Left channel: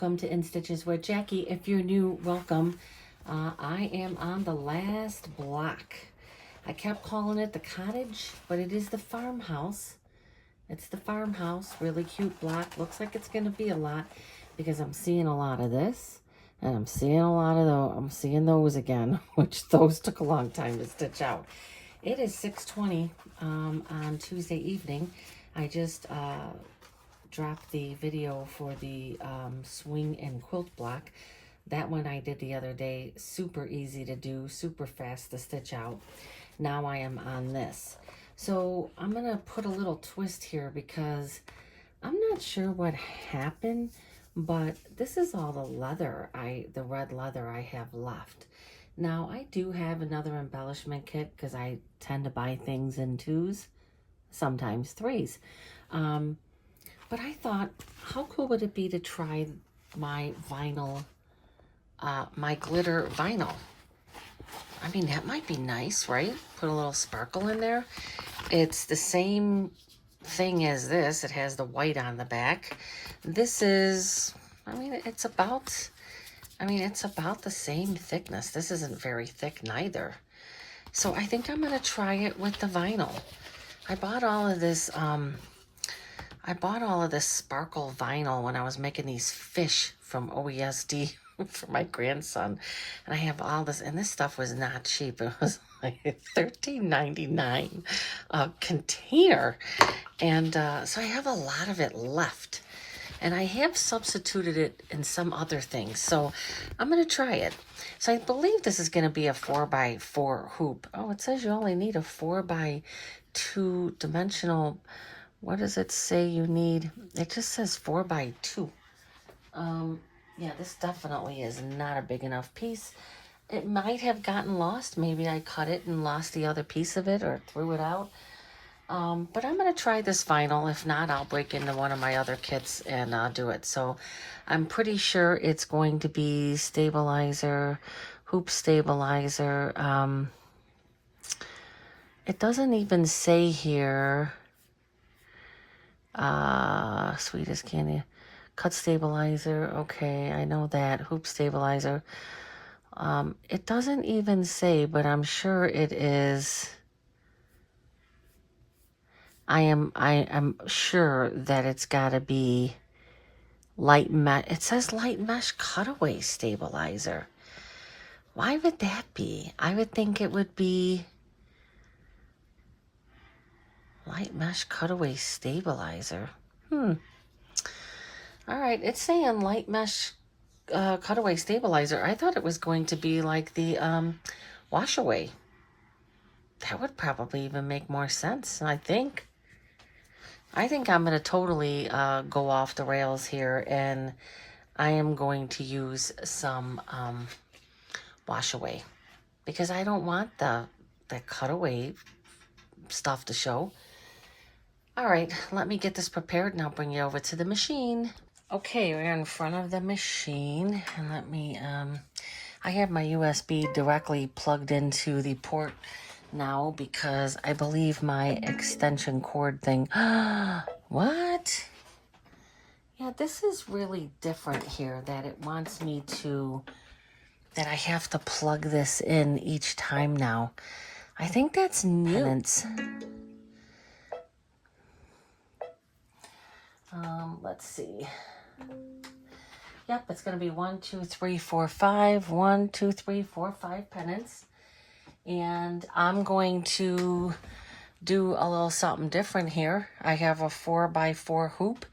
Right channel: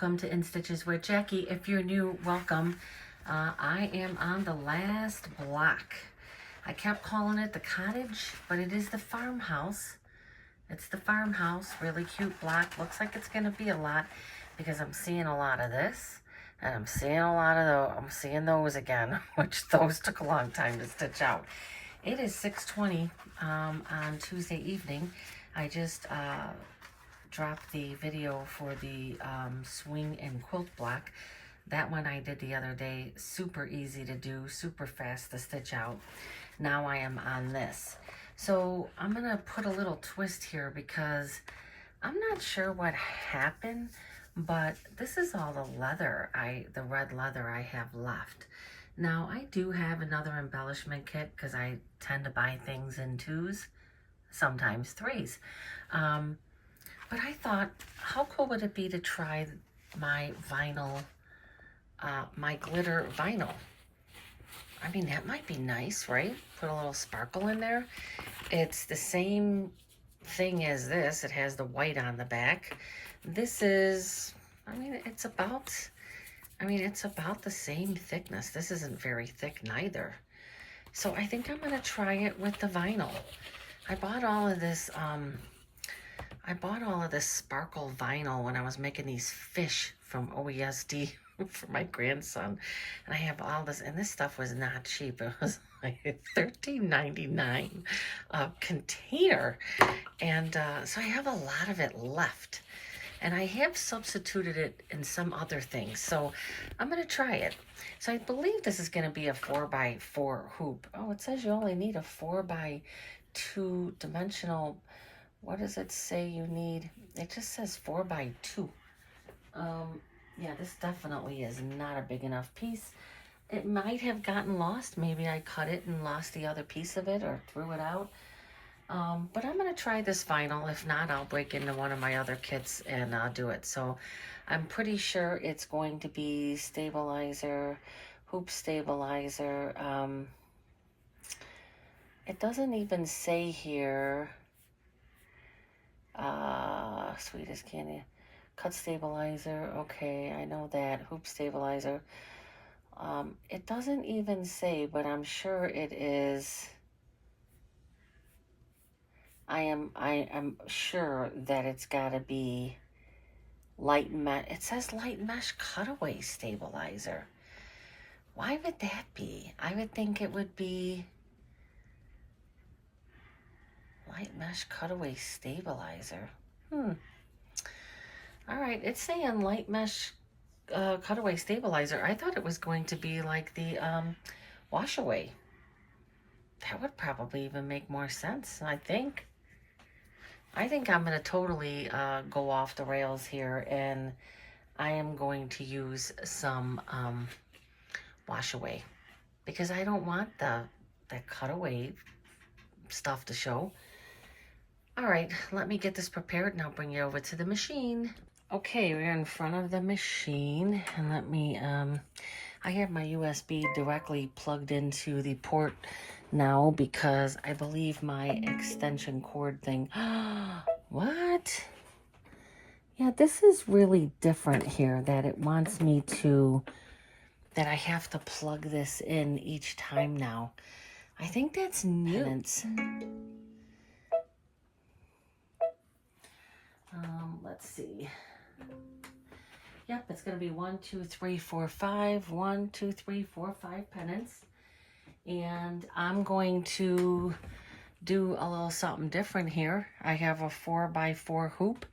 welcome to In Stitches with Jackie. If you're new, welcome. I am on the last block. I kept calling it the cottage, but it is the farmhouse. It's the farmhouse, really cute block. Looks like it's gonna be a lot because I'm seeing a lot of this and I'm seeing a lot of those. I'm seeing those again, which those took a long time to stitch out. It is 6:20 on Tuesday evening. I just dropped the video for the swing and quilt block. That one I did the other day. Super easy to do, super fast to stitch out. Now I am on this. So I'm gonna put a little twist here because I'm not sure what happened, but this is all the leather, the red leather I have left. Now I do have another embellishment kit because I tend to buy things in 2s, sometimes 3s. But I thought, how cool would it be to try my vinyl, my glitter vinyl? I mean, that might be nice, right? Put a little sparkle in there. It's the same thing as this. It has the white on the back. This is, it's about the same thickness. This isn't very thick neither. So I think I'm gonna try it with the vinyl. I bought all of this sparkle vinyl when I was making these fish from OESD for my grandson. And I have all this, and this stuff was not cheap. It was like $13.99 a container. And so I have a lot of it left. And I have substituted it in some other things. So I'm going to try it. So I believe this is going to be a 4x4 hoop. Oh, it says you only need a 4x2 dimensional. What does it say you need? It just says 4x2. Yeah, this definitely is not a big enough piece. It might have gotten lost. Maybe I cut it and lost the other piece of it or threw it out. But I'm going to try this vinyl. If not, I'll break into one of my other kits and do it. So I'm pretty sure it's going to be stabilizer, hoop stabilizer. It doesn't even say here, sweet as candy, cut stabilizer. Okay, I know that. Hoop stabilizer. It doesn't even say, but I'm sure it is. I am sure that it's got to be light mesh. It says light mesh cutaway stabilizer. Why would that be? I would think it would be light mesh cutaway stabilizer. All right, it's saying light mesh cutaway stabilizer. I thought it was going to be like the wash away. That would probably even make more sense, I think. I think I'm going to totally go off the rails here, and I am going to use some wash away because I don't want the cutaway stuff to show. All right, let me get this prepared and I'll bring you over to the machine. Okay, we're in front of the machine, and let me, I have my USB directly plugged into the port now because I believe my extension cord thing, what? Yeah, this is really different here, that it wants me to, that I have to plug this in each time now. I think that's new. Let's see. Yep, it's going to be 1, 2, 3, 4, 5. 1, 2, 3, 4, 5 pennants. And I'm going to do a little something different here. I have a 4x4 hoop,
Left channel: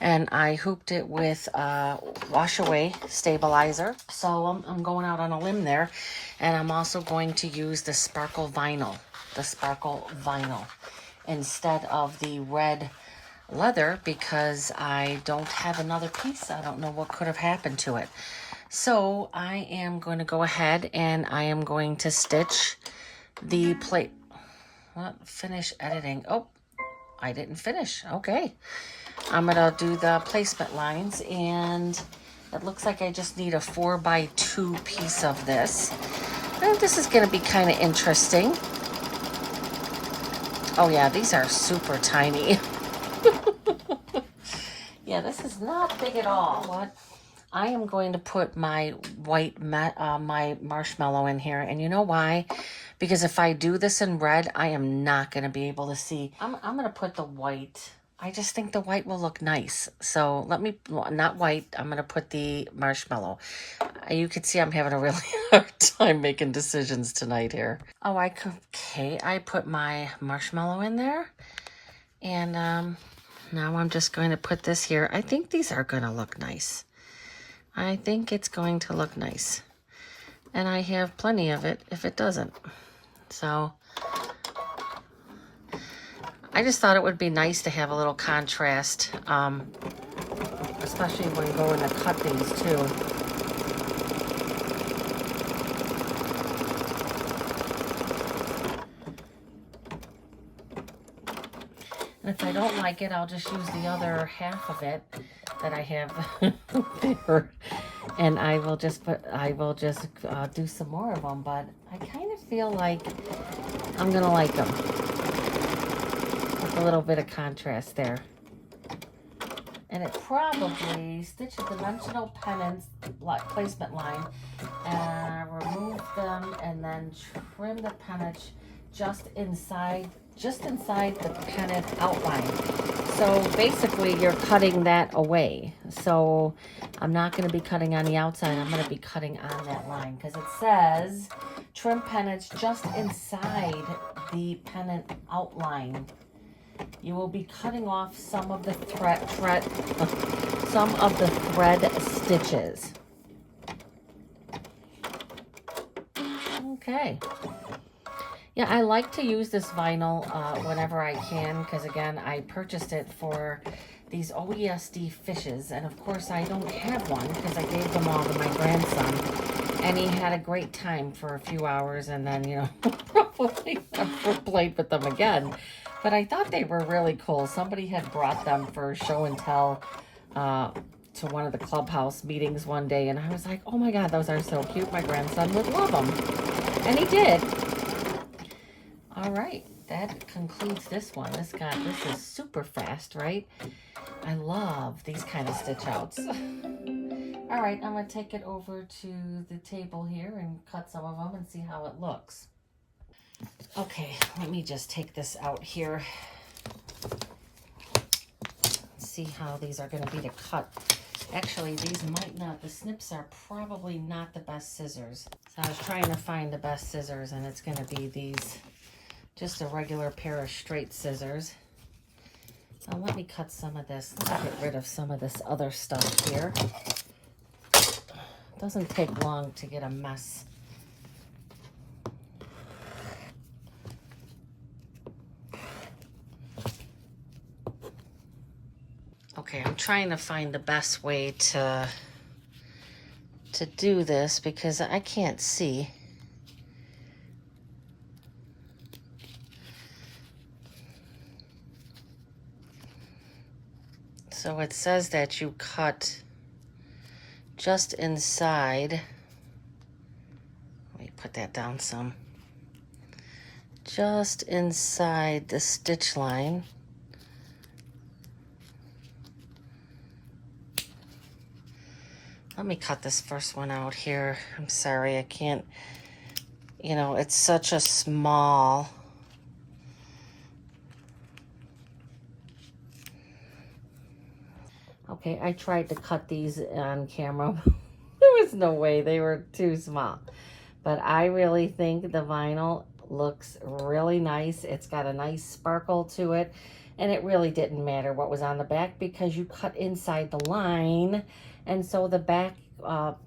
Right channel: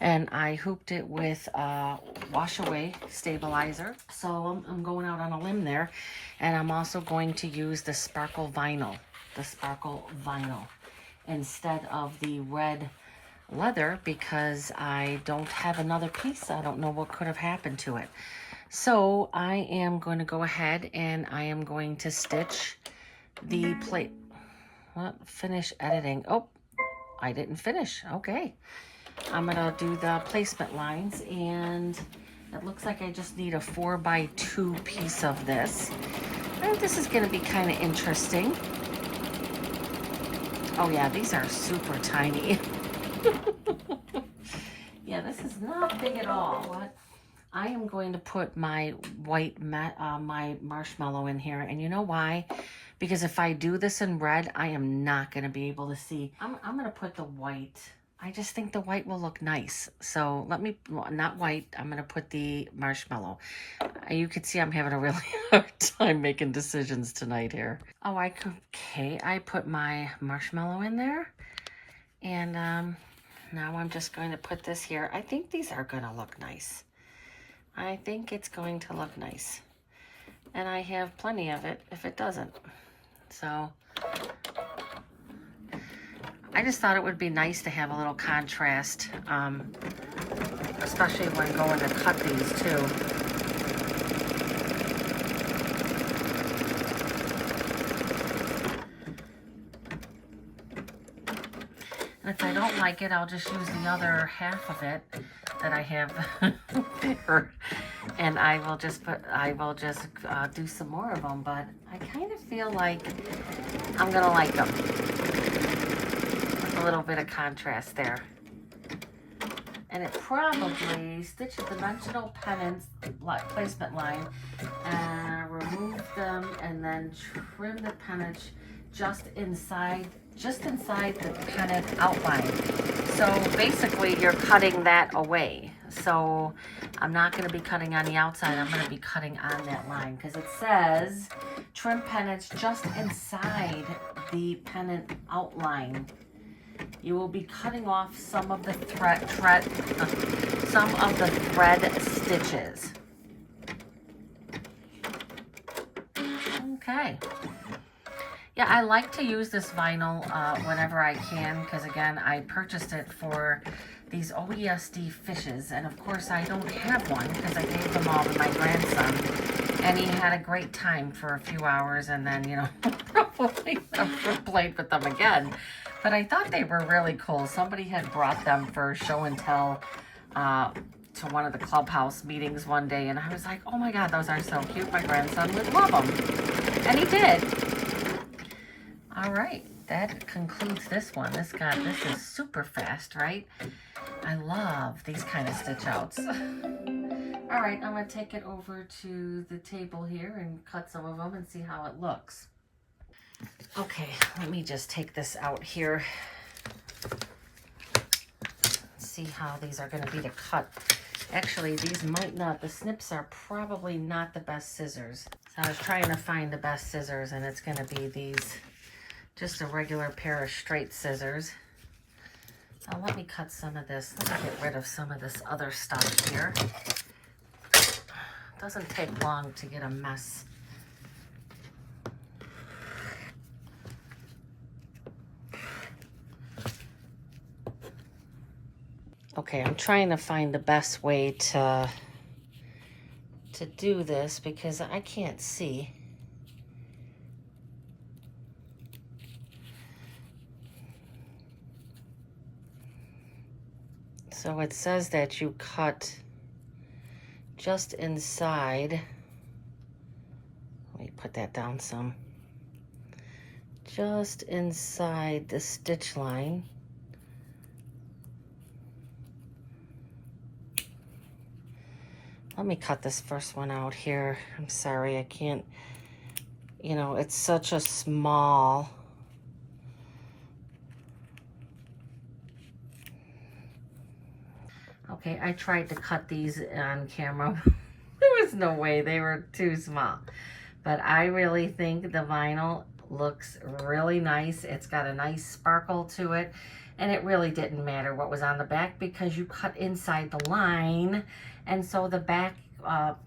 and I hooped it with a wash away stabilizer. So I'm going out on a limb there. And I'm also going to use the sparkle vinyl, instead of the red leather because I don't have another piece. I don't know what could have happened to it. So I am going to go ahead and I am going to stitch the plate. Finish editing. Oh, I didn't finish. Okay. I'm going to do the placement lines, and it looks like I just need a 4x2 piece of this. Now this is going to be kind of interesting. Oh yeah, these are super tiny. Yeah, this is not big at all. What I am going to put my white, my marshmallow in here. And you know why? Because if I do this in red, I am not going to be able to see. I'm going to put the white. I just think the white will look nice. So let me, not white, I'm going to put the marshmallow. You can see I'm having a really hard time making decisions tonight here. Oh, okay, I put my marshmallow in there. And now I'm just going to put this here. I think these are going to look nice. I think it's going to look nice. And I have plenty of it if it doesn't. So I just thought it would be nice to have a little contrast, especially when going to cut these too. And if I don't like it, I'll just use the other half of it that I have there, and I will just do some more of them. But I kind of feel like I'm gonna like them. A little bit of contrast there. And it probably stitch a dimensional pennants placement line and remove them and then trim the pennant just inside the pennant outline. So basically you're cutting that away. So I'm not going to be cutting on the outside, I'm going to be cutting on that line because it says trim pennants just inside the pennant outline. You will be cutting off some of the thread stitches. Okay. Yeah, I like to use this vinyl whenever I can because, again, I purchased it for these OESD fishes. And, of course, I don't have one because I gave them all to my grandson. And he had a great time for a few hours and then, you know, probably never played with them again. But I thought they were really cool. Somebody had brought them for show and tell to one of the clubhouse meetings one day. And I was like, oh my God, those are so cute. My grandson would love them. And he did. All right, that concludes this one. This is super fast, right? I love these kind of stitch outs. All right, I'm gonna take it over to the table here and cut some of them and see how it looks. Okay, let me just take this out here. See how these are gonna be to cut. Actually, these might not, the snips are probably not the best scissors. So I was trying to find the best scissors and it's gonna be these, just a regular pair of straight scissors. Now let me cut some of this. Let me get rid of some of this other stuff here. It doesn't take long to get a mess. Okay, I'm trying to find the best way to do this because I can't see. So it says that you cut just inside. Let me put that down some. Just inside the stitch line. Let me cut this first one out here. I'm sorry, I can't, you know, it's such a small. Okay, I tried to cut these on camera. There was no way, they were too small. But I really think the vinyl looks really nice. It's got a nice sparkle to it. And it really didn't matter what was on the back because you cut inside the line. And so the back,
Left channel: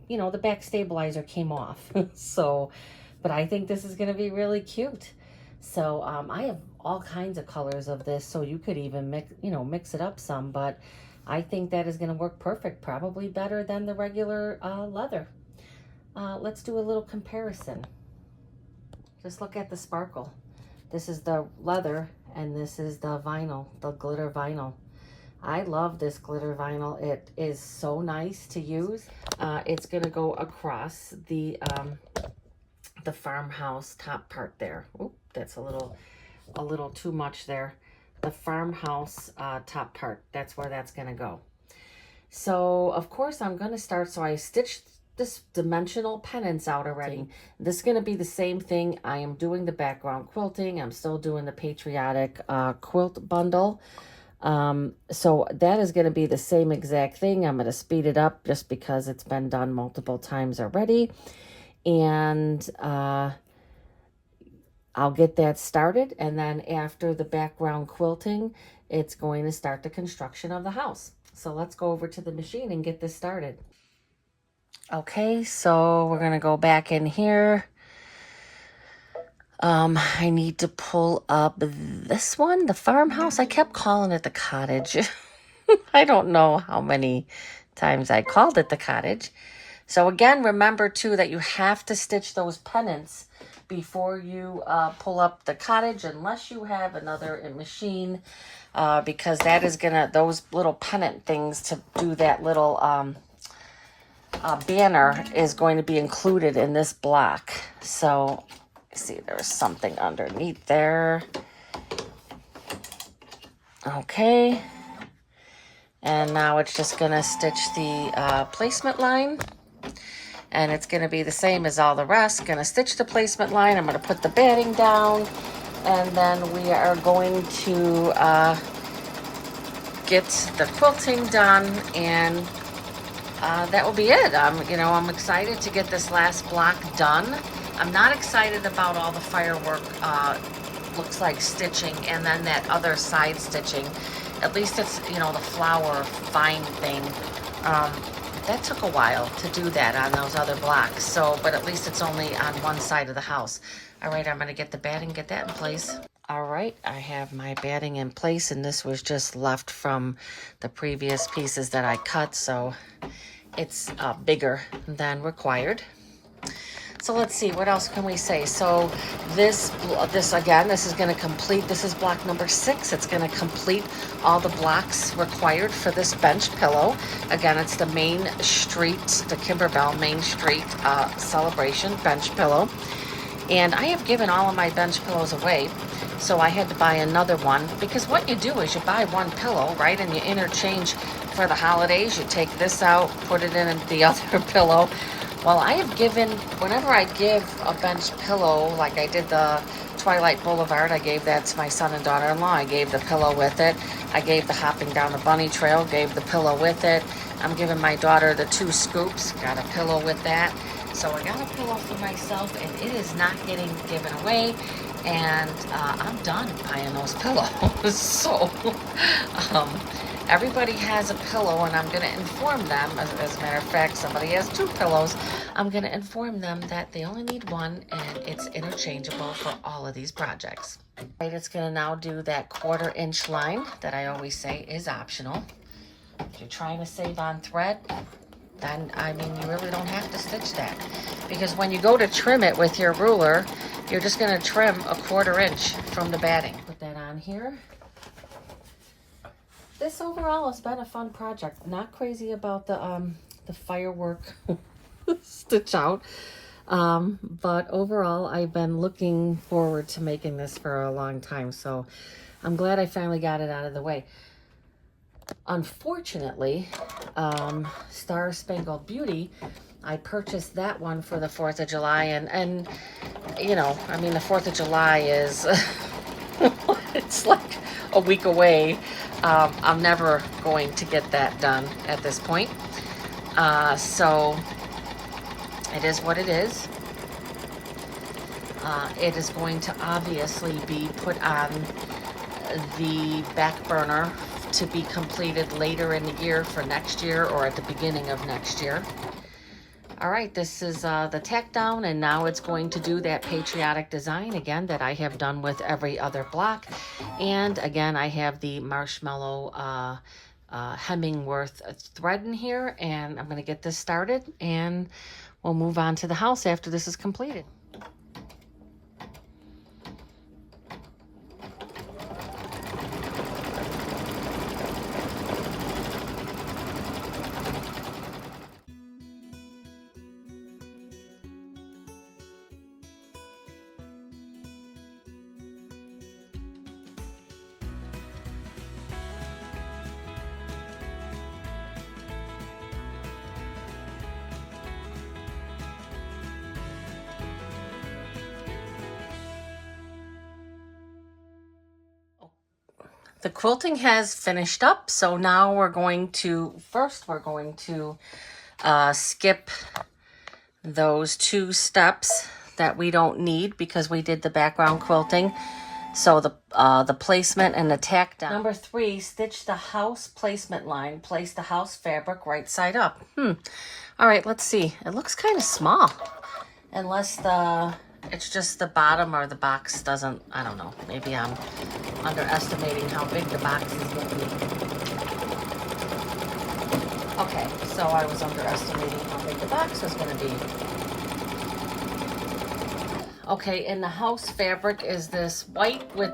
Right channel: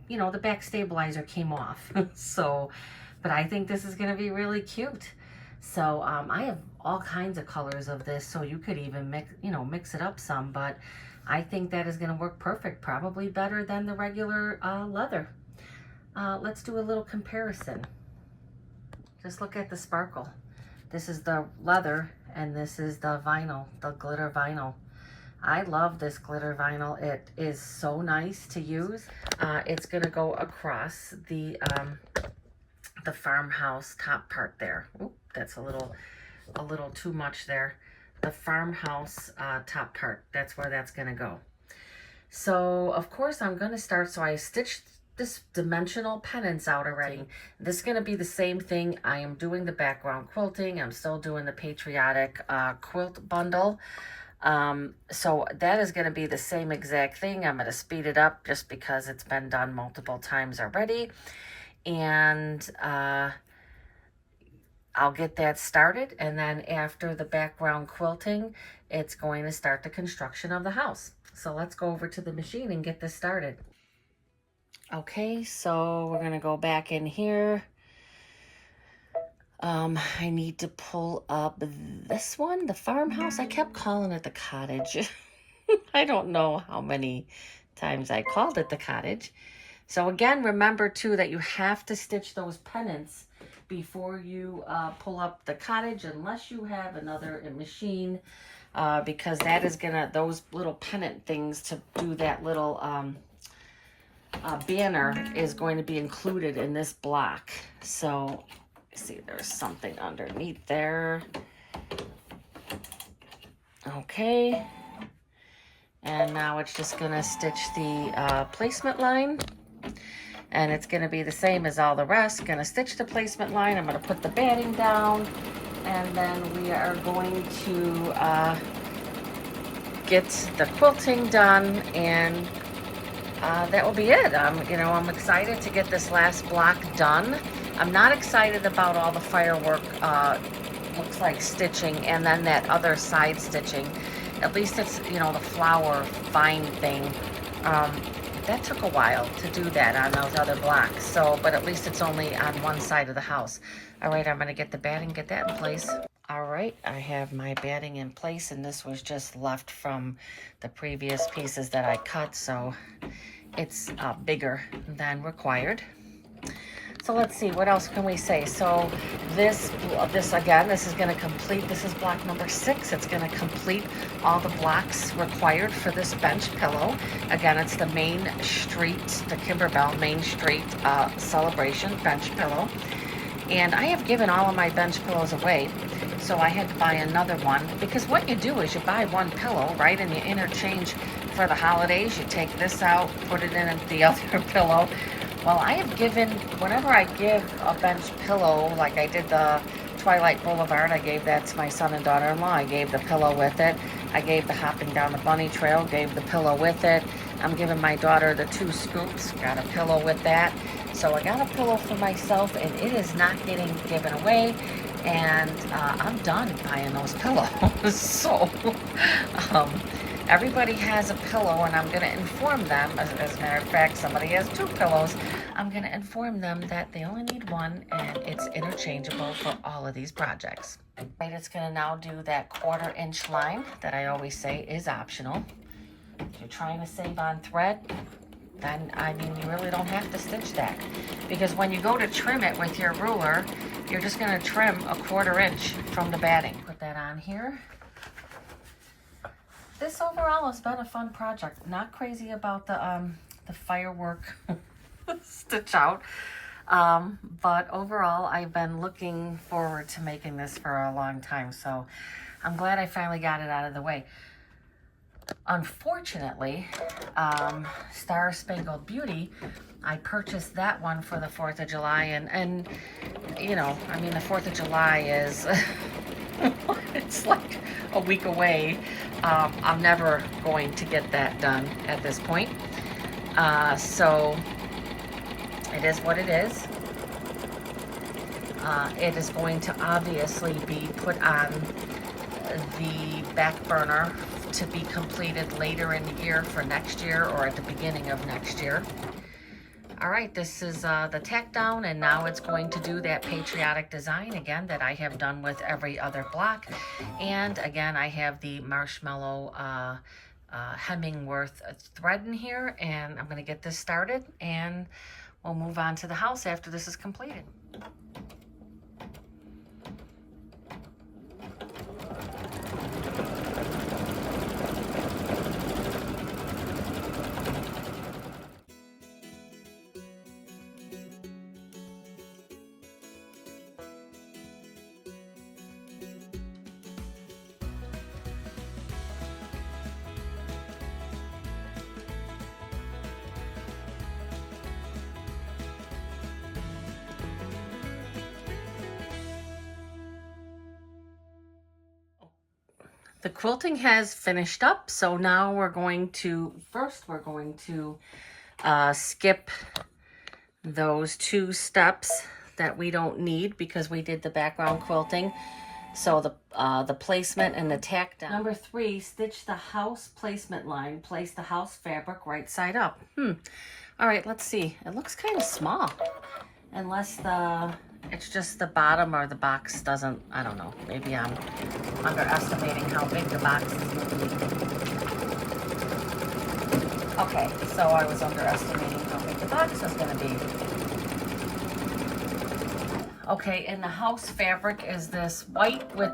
you know, the back stabilizer came off. So, but I think this is going to be really cute. So I have all kinds of colors of this. So you could even mix it up some. But I think that is going to work perfect. Probably better than the regular leather. Let's do a little comparison. Just look at the sparkle. This is the leather and this is the vinyl, the glitter vinyl. I love this glitter vinyl. It is so nice to use. It's gonna go across the farmhouse top part there. Oop, that's a little too much there. The farmhouse top part, that's where that's gonna go. So of course I'm going to start, so I stitched this dimensional pennants out already. This is going to be the same thing. I am doing the background quilting. I'm still doing the patriotic quilt bundle. So that is going to be the same exact thing. I'm going to speed it up just because it's been done multiple times already. And I'll get that started. And then after the background quilting, it's going to start the construction of the house. So let's go over to the machine and get this started. Okay, so we're going to go back in here. I need to pull up this one, the farmhouse. I kept calling it the cottage. I don't know how many times I called it the cottage. So again, remember too that you have to stitch those pennants before you pull up the cottage, unless you have another machine, because that is gonna, those little pennant things to do that little banner is going to be included in this block. So see, there's something underneath there. Okay, and now it's just gonna stitch the placement line, and it's gonna be the same as all the rest. Gonna stitch the placement line. I'm gonna put the batting down, and then we are going to get the quilting done, and that will be it. I'm excited to get this last block done. I'm not excited about all the firework, looks like stitching, and then that other side stitching. At least it's, the flower vine thing. That took a while to do that on those other blocks. So, but at least it's only on one side of the house. All right, I'm going to get the batting, get that in place. All right, I have my batting in place, and this was just left from the previous pieces that I cut, so it's bigger than required. So let's see, what else can we say? So this again, this is going to complete, this is block number 6. It's going to complete all the blocks required for this bench pillow. Again, it's the Main Street, the Kimberbell Main Street Celebration bench pillow. And I have given all of my bench pillows away, so I had to buy another one, because what you do is you buy one pillow, right, and you interchange for the holidays. You take this out, put it in the other pillow. Well, I have given, whenever I give a bench pillow, like I did the Twilight Boulevard, I gave that to my son and daughter-in-law. I gave the pillow with it. I gave the Hopping Down the Bunny Trail, gave the pillow with it. I'm giving my daughter the 2 scoops, got a pillow with that. So I got a pillow for myself, and it is not getting given away. And I'm done buying those pillows. So everybody has a pillow, and I'm going to inform them. As a matter of fact, somebody has 2 pillows. I'm going to inform them that they only need one, and it's interchangeable for all of these projects. Right, it's going to now do that 1/4 inch line that I always say is optional. If you're trying to save on thread, then, you really don't have to stitch that. Because when you go to trim it with your ruler, you're just going to trim a 1/4 inch from the batting. Put that on here. This overall has been a fun project. Not crazy about the firework stitch out. But overall, I've been looking forward to making this for a long time. So I'm glad I finally got it out of the way. Unfortunately, Star Spangled Beauty, I purchased that one for the 4th of July, and the 4th of July is, it's like a week away. I'm never going to get that done at this point. So it is what it is. It is going to obviously be put on the back burner to be completed later in the year for next year, or at the beginning of next year. All right, this is the tack down, and now it's going to do that patriotic design again that I have done with every other block. And again, I have the marshmallow Hemmingworth thread in here, and I'm going to get this started, and we'll move on to the house after this is completed. The quilting has finished up, so now we're going to skip those 2 steps that we don't need because we did the background quilting. So the placement and the tack down. Number 3, stitch the house placement line. Place the house fabric right side up. All right, let's see. It looks kind of small, unless it's just the bottom or the box doesn't, I don't know. Maybe I'm underestimating how big the box is going to be. Okay, so I was underestimating how big the box was going to be. Okay, and the house fabric is this white with,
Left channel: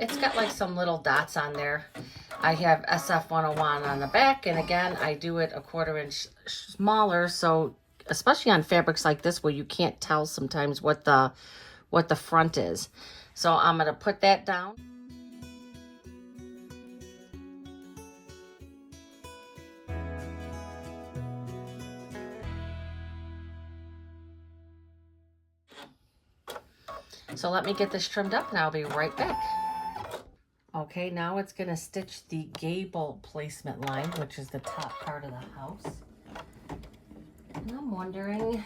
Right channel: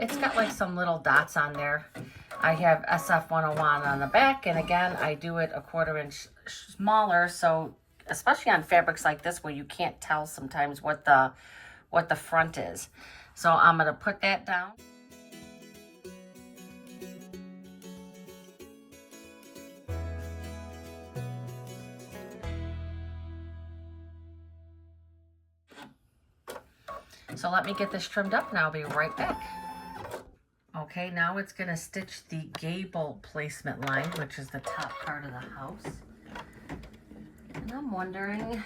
it's got like some little dots on there. I have SF 101 on the back, and again, I do it a 1/4 inch smaller, so especially on fabrics like this where you can't tell sometimes what the front is. So I'm going to put that down. So let me get this trimmed up and I'll be right back. Okay, now it's going to stitch the gable placement line, which is the top part of the house. And I'm wondering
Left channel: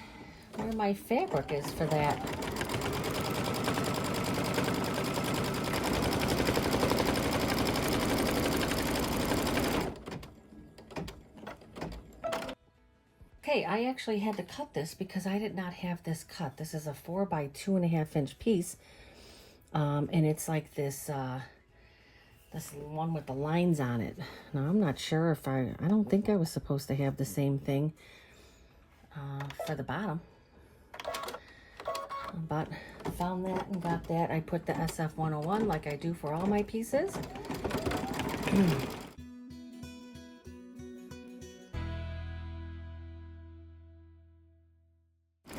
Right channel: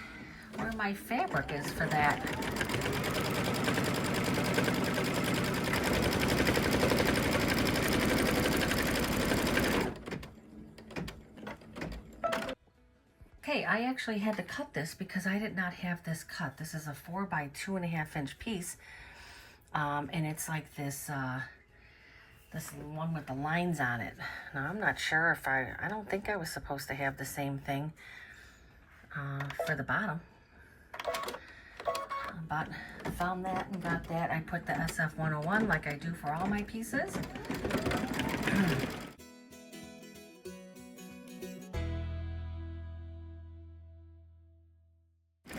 where my fabric is for that. Okay, I actually had to cut this because I did not have this cut. This is a 4 by 2.5 inch piece. And it's like this, this one with the lines on it. Now, I'm not sure if I don't think I was supposed to have the same thing for the bottom. But I found that and got that. I put the SF 101 like I do for all my pieces.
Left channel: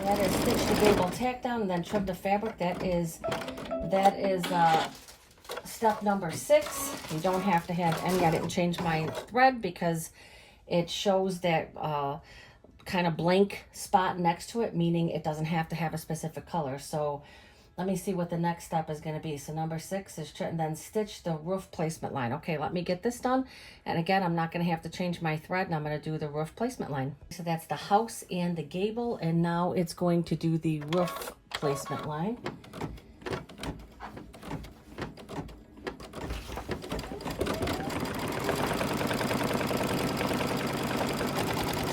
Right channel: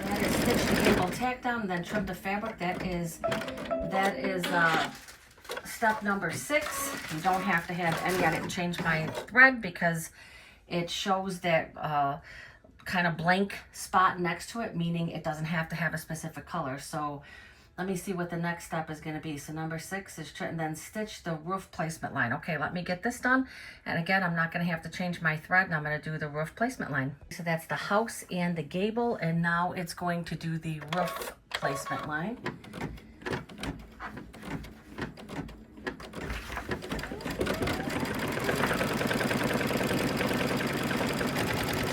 That is stitch the gable tack down and then trim the fabric. That is step number 6. You don't have to have any. I didn't change my thread because it shows that kind of blank spot next to it, meaning it doesn't have to have a specific color. So let me see what the next step is going to be. So number 6 is and then stitch the roof placement line. Okay, let me get this done. And again, I'm not going to have to change my thread, and I'm going to do the roof placement line. So that's the house and the gable, and now it's going to do the roof placement line.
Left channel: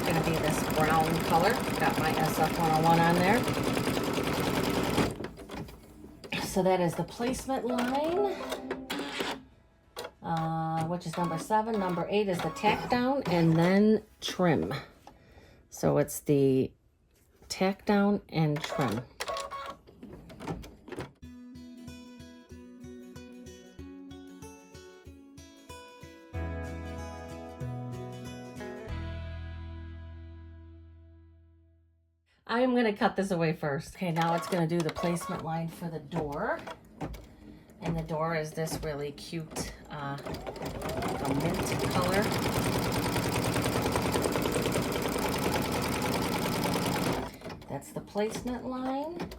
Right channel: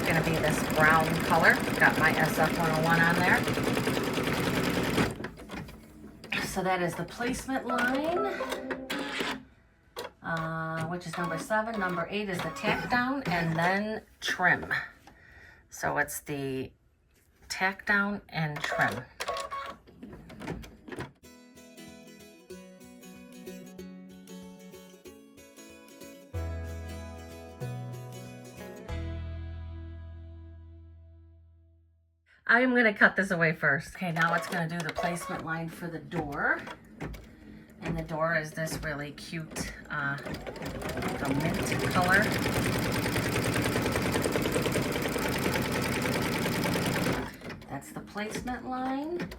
Going to be this brown color. Got my SF 101 on there. So that is the placement line, which is number 7. Number 8 is the tack down and then trim. So it's the tack down and trim. I am going to cut this away first. Okay, now it's going to do the placement line for the door. And the door is this really cute mint color. That's the placement line,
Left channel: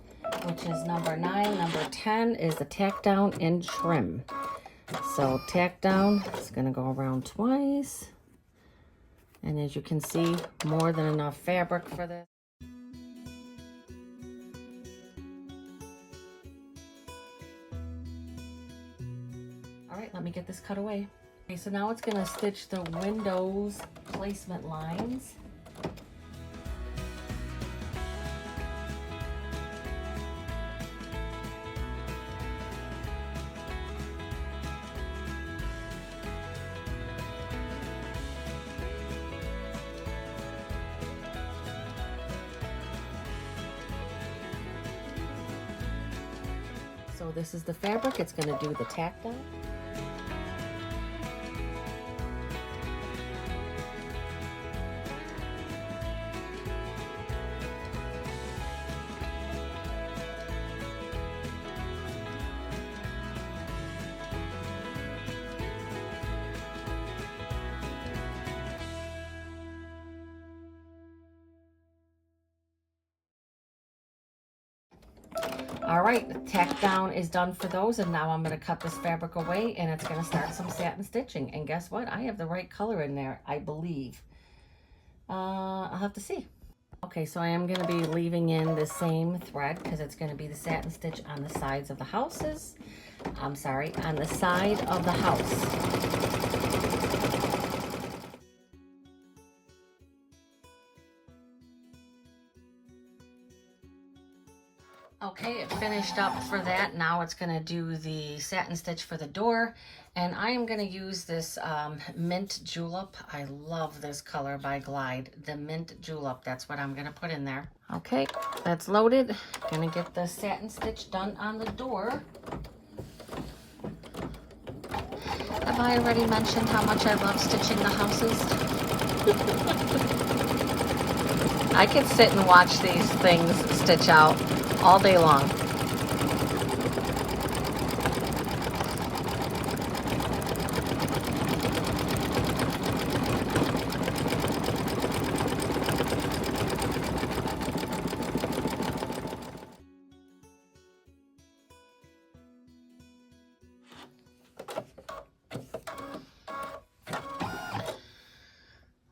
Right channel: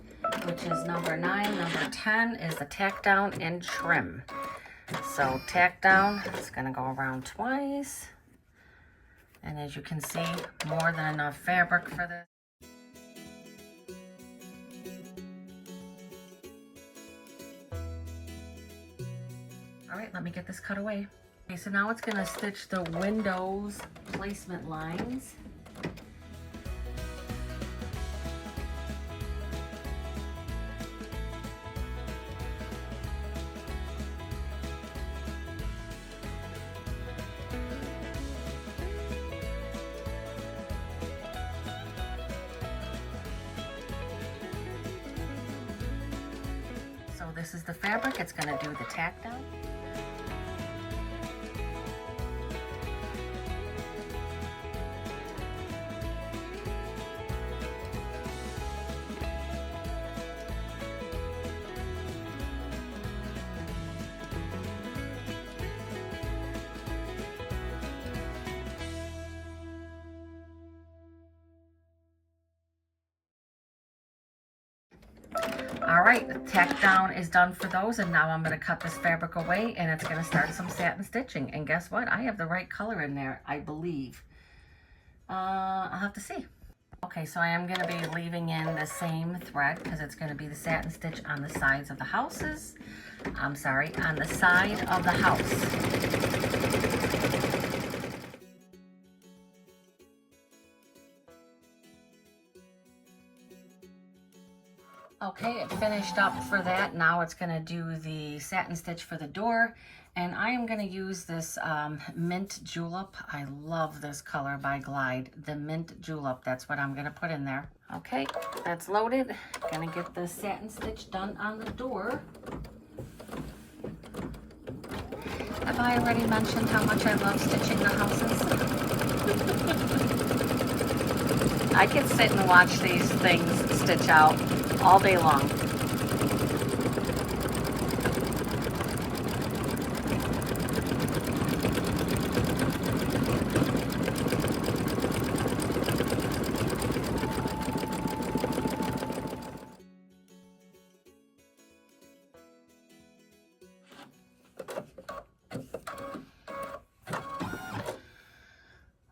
which is number 9. Number 10 is the tack down and trim. So tack down, it's going to go around twice. And as you can see, more than enough fabric for this. All right, let me get this cut away. Okay, so now it's going to stitch the windows placement lines. So this is the fabric. It's going to do the tack down. All right, the tack down is done for those, and now I'm going to cut this fabric away, and it's going to start some satin stitching. And guess what? I have the right color in there, I believe. I'll have to see. Okay, so I am going to be leaving in the same thread because it's going to be the satin stitch on the sides of the houses. I'm sorry, on the side of the house. Okay, it finished up for that. Now it's going to do the satin stitch for the door. And I am going to use this Mint Julep. I love this color by Glide. The Mint Julep, that's what I'm going to put in there. Okay, that's loaded. Going to get the satin stitch done on the door. Have I already mentioned how much I love stitching the houses? I can sit and watch these things stitch out all day long.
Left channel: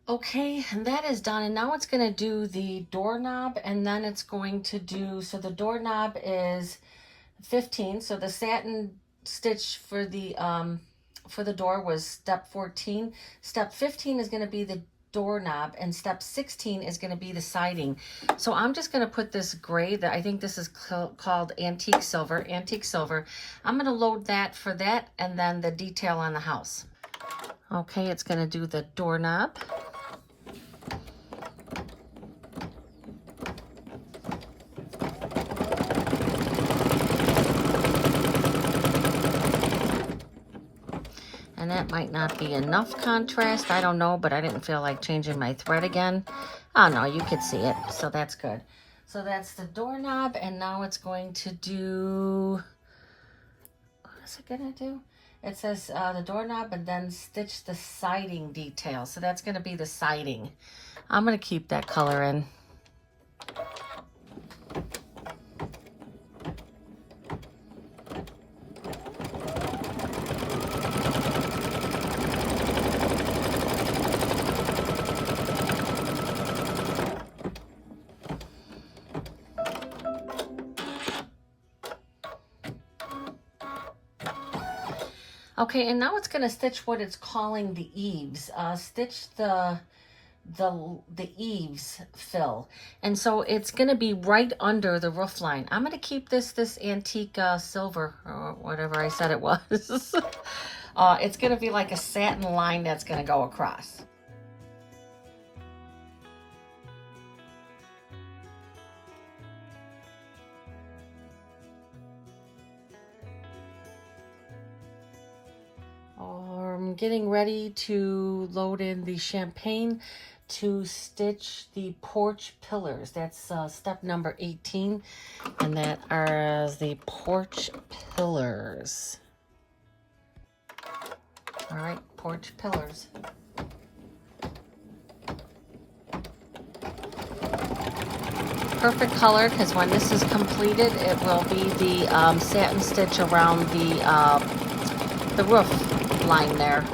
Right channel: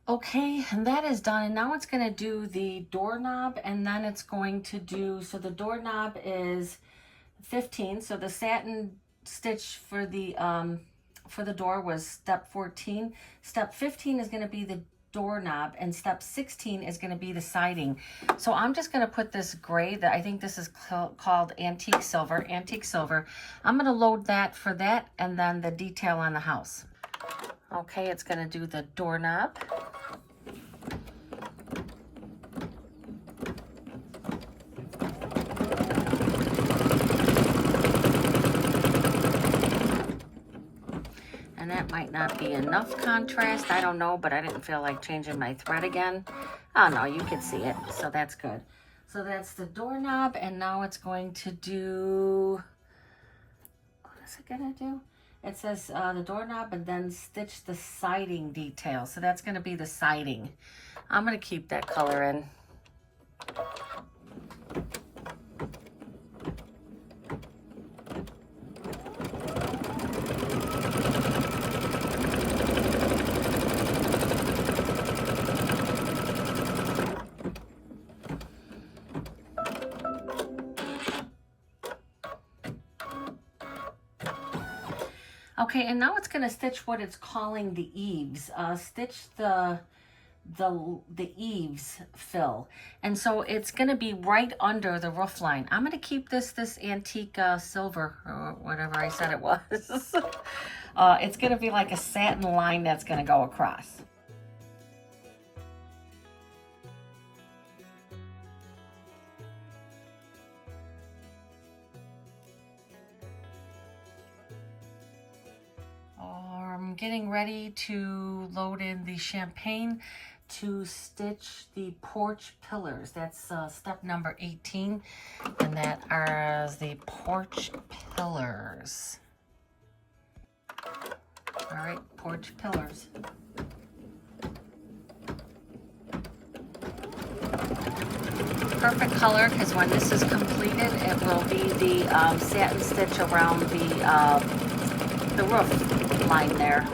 Okay, and that is done, and now it's going to do the doorknob, and then it's going to do, so the doorknob is 15, so the satin stitch for the door was step 14. Step 15 is going to be the doorknob, and step 16 is going to be the siding. So I'm just going to put this gray, that I think this is called antique silver. I'm going to load that for that, and then the detail on the house. Okay, it's going to do the doorknob. And that might not be enough contrast, I don't know, but I didn't feel like changing my thread again. Oh no, you can see it, so that's good. So that's the doorknob, and now it's going to do, what is it gonna do? It says the doorknob and then stitch the siding detail. So that's going to be the siding. I'm going to keep that color in. Okay, and now it's going to stitch what it's calling the eaves. Stitch the eaves fill, and so it's going to be right under the roof line. I'm going to keep this antique silver, or whatever I said it was. It's going to be like a satin line that's going to go across. I'm getting ready to load in the champagne to stitch the porch pillars. That's step number 18, and that are the porch pillars. All right, porch pillars. Perfect color, because when this is completed, it will be the satin stitch around the roof line there.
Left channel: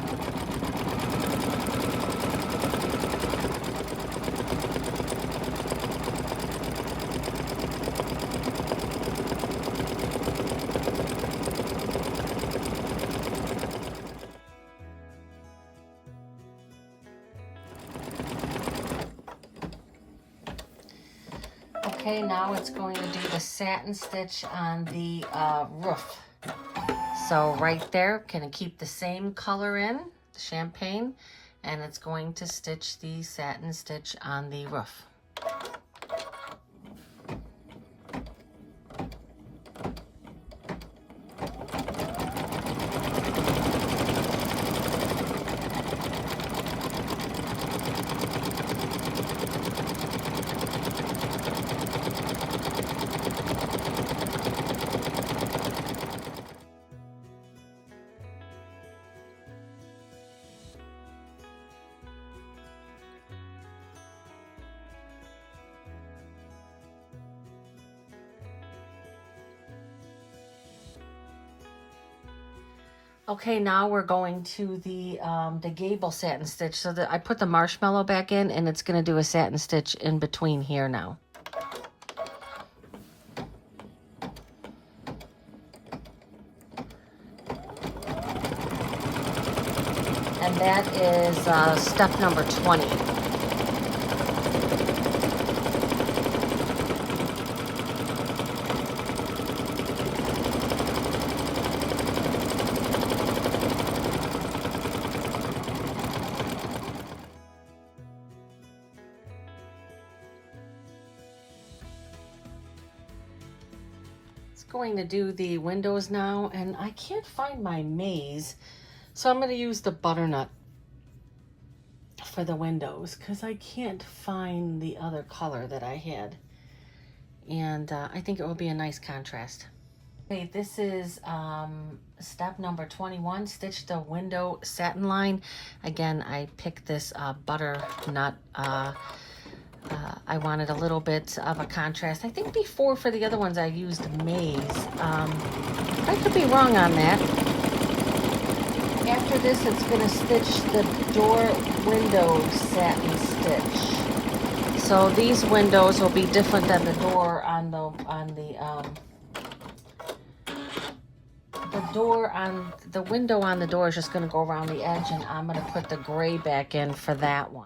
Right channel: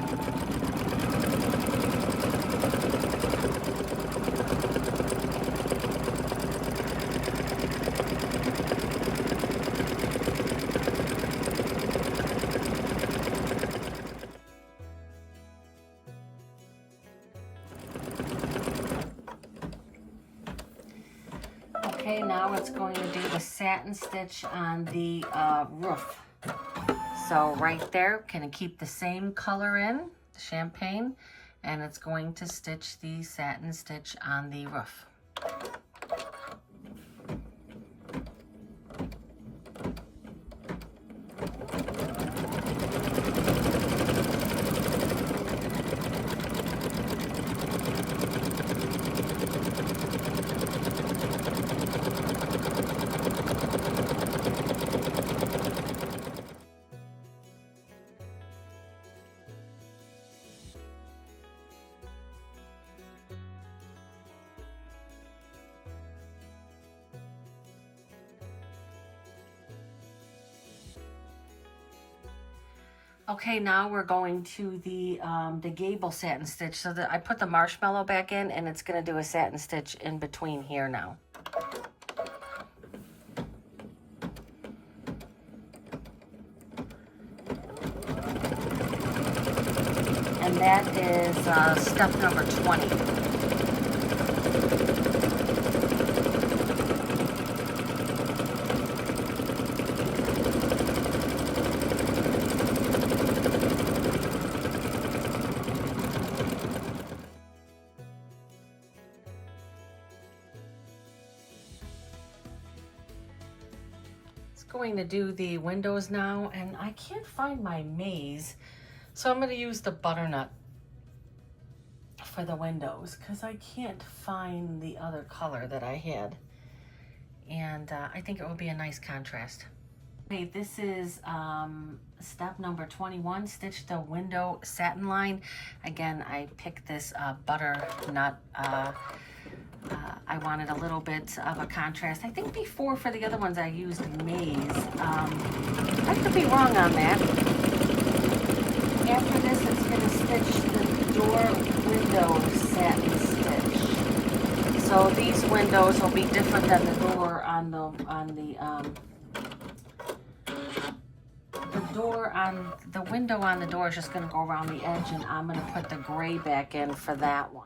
Okay, now it's going to do the satin stitch on the roof. So right there, gonna keep the same color in, champagne, and it's going to stitch the satin stitch on the roof. Okay, now we're going to the gable satin stitch. So that I put the marshmallow back in, and it's going to do a satin stitch in between here now. And that is step number 20. Going to do the windows now, and I can't find my maze, so I'm going to use the butternut for the windows because I can't find the other color that I had, and I think it would be a nice contrast. Okay, this is step number 21, stitch the window satin line. Again, I picked this butternut. I wanted a little bit of a contrast. I think before for the other ones I used maize. I could be wrong on that. After this, it's going to stitch the door window satin stitch. So these windows will be different than the door on the window on the door is just going to go around the edge, and I'm going to put the gray back in for that one.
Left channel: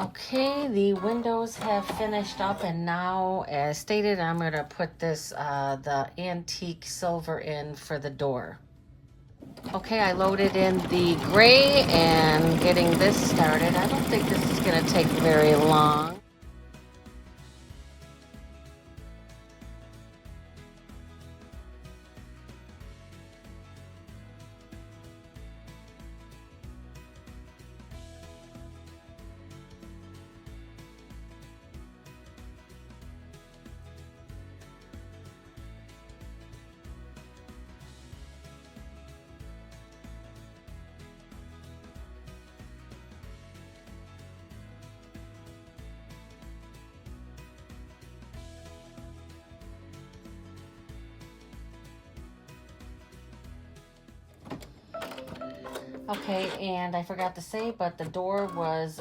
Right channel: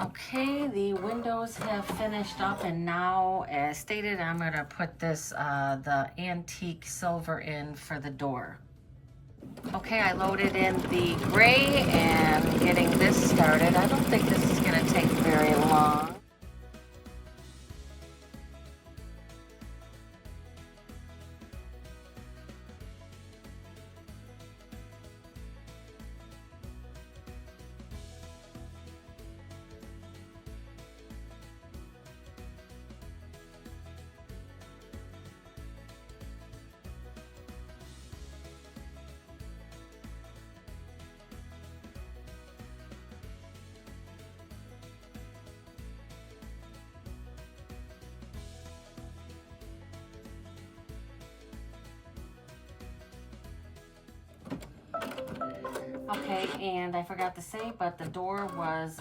Okay, the windows have finished up, and now, as stated, I'm going to put this, the antique silver in for the door. Okay, I loaded in the gray and getting this started. I don't think this is going to take very long. Okay, and I forgot to say, but the door was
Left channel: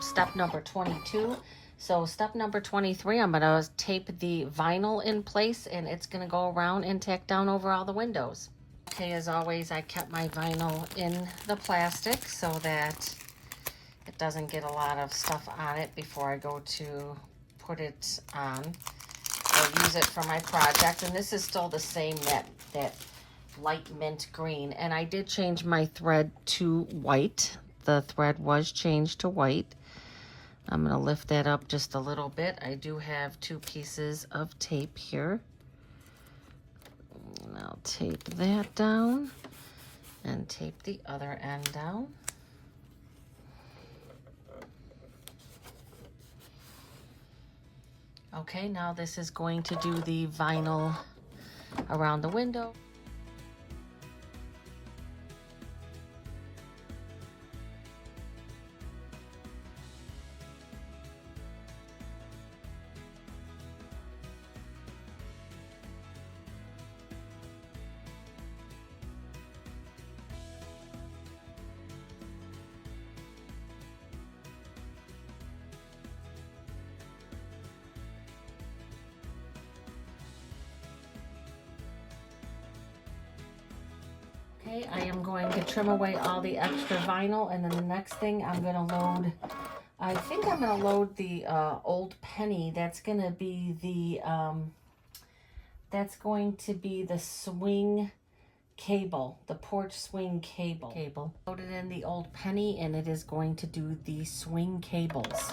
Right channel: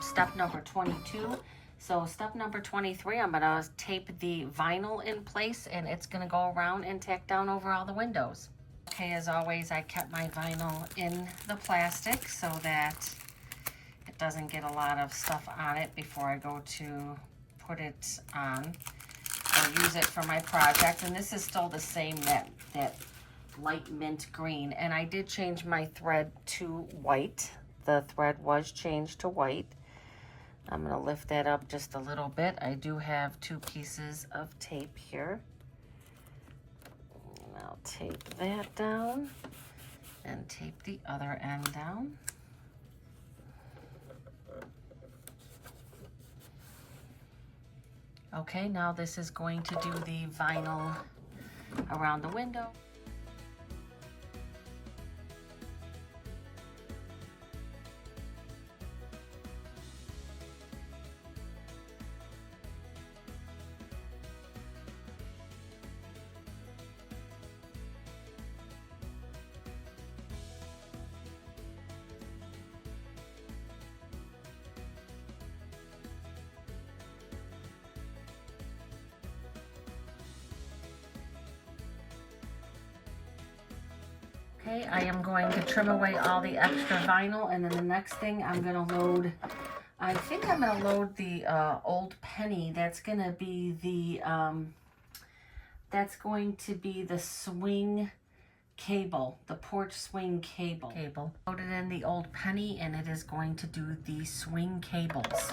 step number 22. So step number 23, I'm going to tape the vinyl in place, and it's going to go around and tack down over all the windows. Okay, as always, I kept my vinyl in the plastic so that it doesn't get a lot of stuff on it before I go to put it on or use it for my project. And this is still the same, that light mint green, and I did change my thread to white. The thread was changed to white. I'm going to lift that up just a little bit. I do have 2 pieces of tape here, and I'll tape that down and tape the other end down. Okay, now this is going to do the vinyl around the window. Okay, I am going to trim away all the extra vinyl, and then the next thing I'm going to load, I think I'm going to load the old penny. That's going to be the swing cable, the porch swing cable. Loaded in the old penny, and it is going to do the swing cables.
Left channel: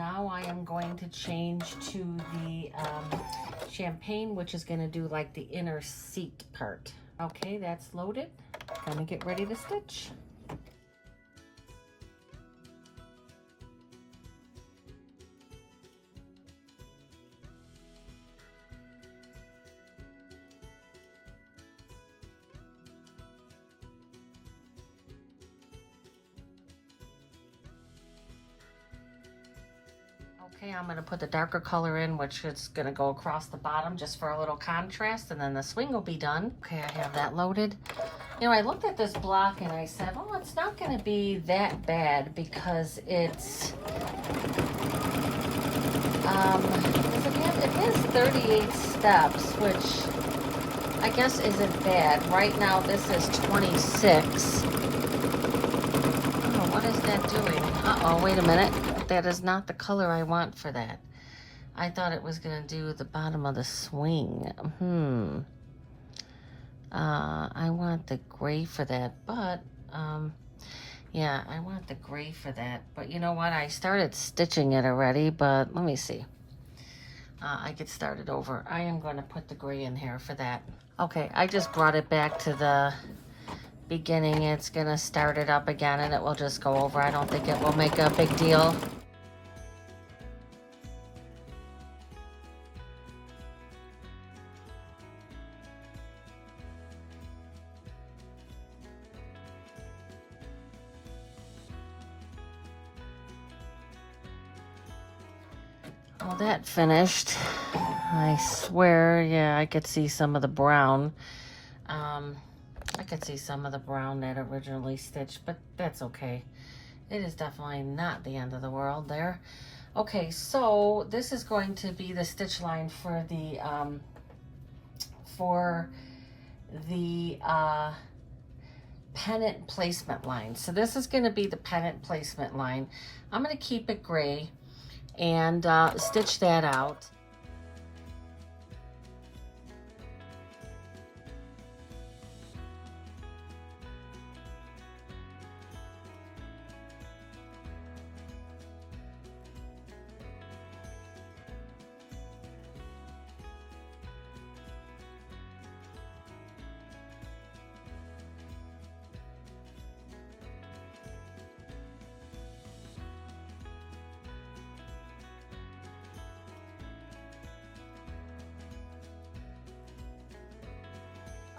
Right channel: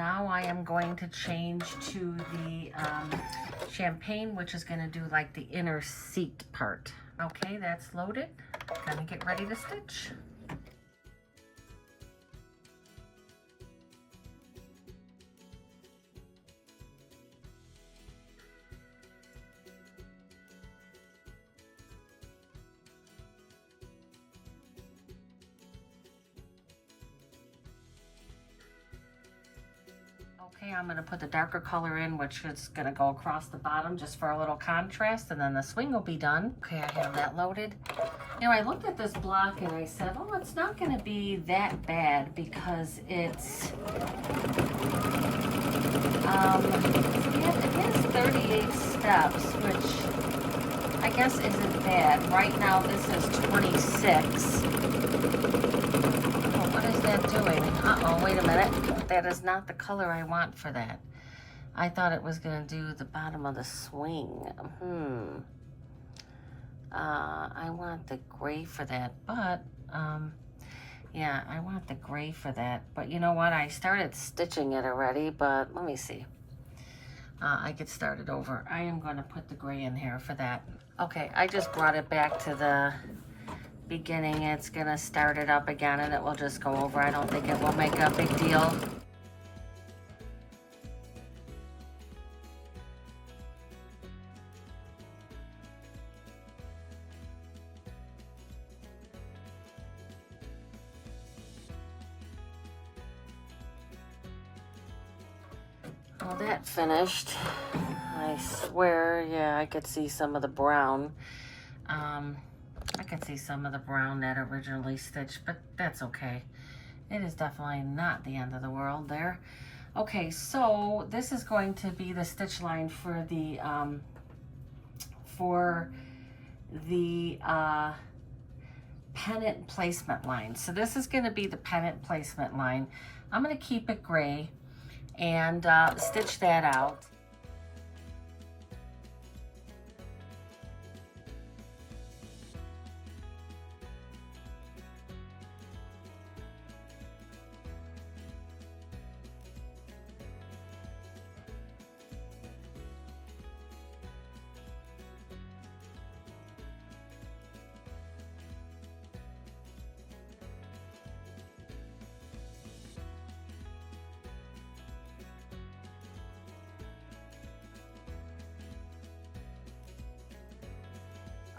now I am going to change to the champagne, which is going to do like the inner seat part. Okay, that's loaded. Gonna get ready to stitch. Okay, I'm going to put the darker color in, which is going to go across the bottom just for a little contrast, and then the swing will be done. Okay, I have that loaded. You know, I looked at this block and I said, oh, it's not going to be that bad because it's, it has 38 steps, which I guess isn't bad. Right now this is 26. What is that doing? Uh-oh, wait a minute. That is not the color I want for that. I thought it was going to do the bottom of the swing. I want the gray for that, but, yeah, I want the gray for that. But you know what? I started stitching it already, but let me see. I could start it over. I am going to put the gray in here for that. Okay, I just brought it back to the beginning. It's going to start it up again, and it will just go over. I don't think it will make a big deal. Well, that finished. I swear, yeah, I could see some of the brown. I could see some of the brown that originally stitched, but that's okay. It is definitely not the end of the world there. Okay, so this is going to be the stitch line for the pennant placement line. So this is going to be the pennant placement line. I'm going to keep it gray and stitch that out.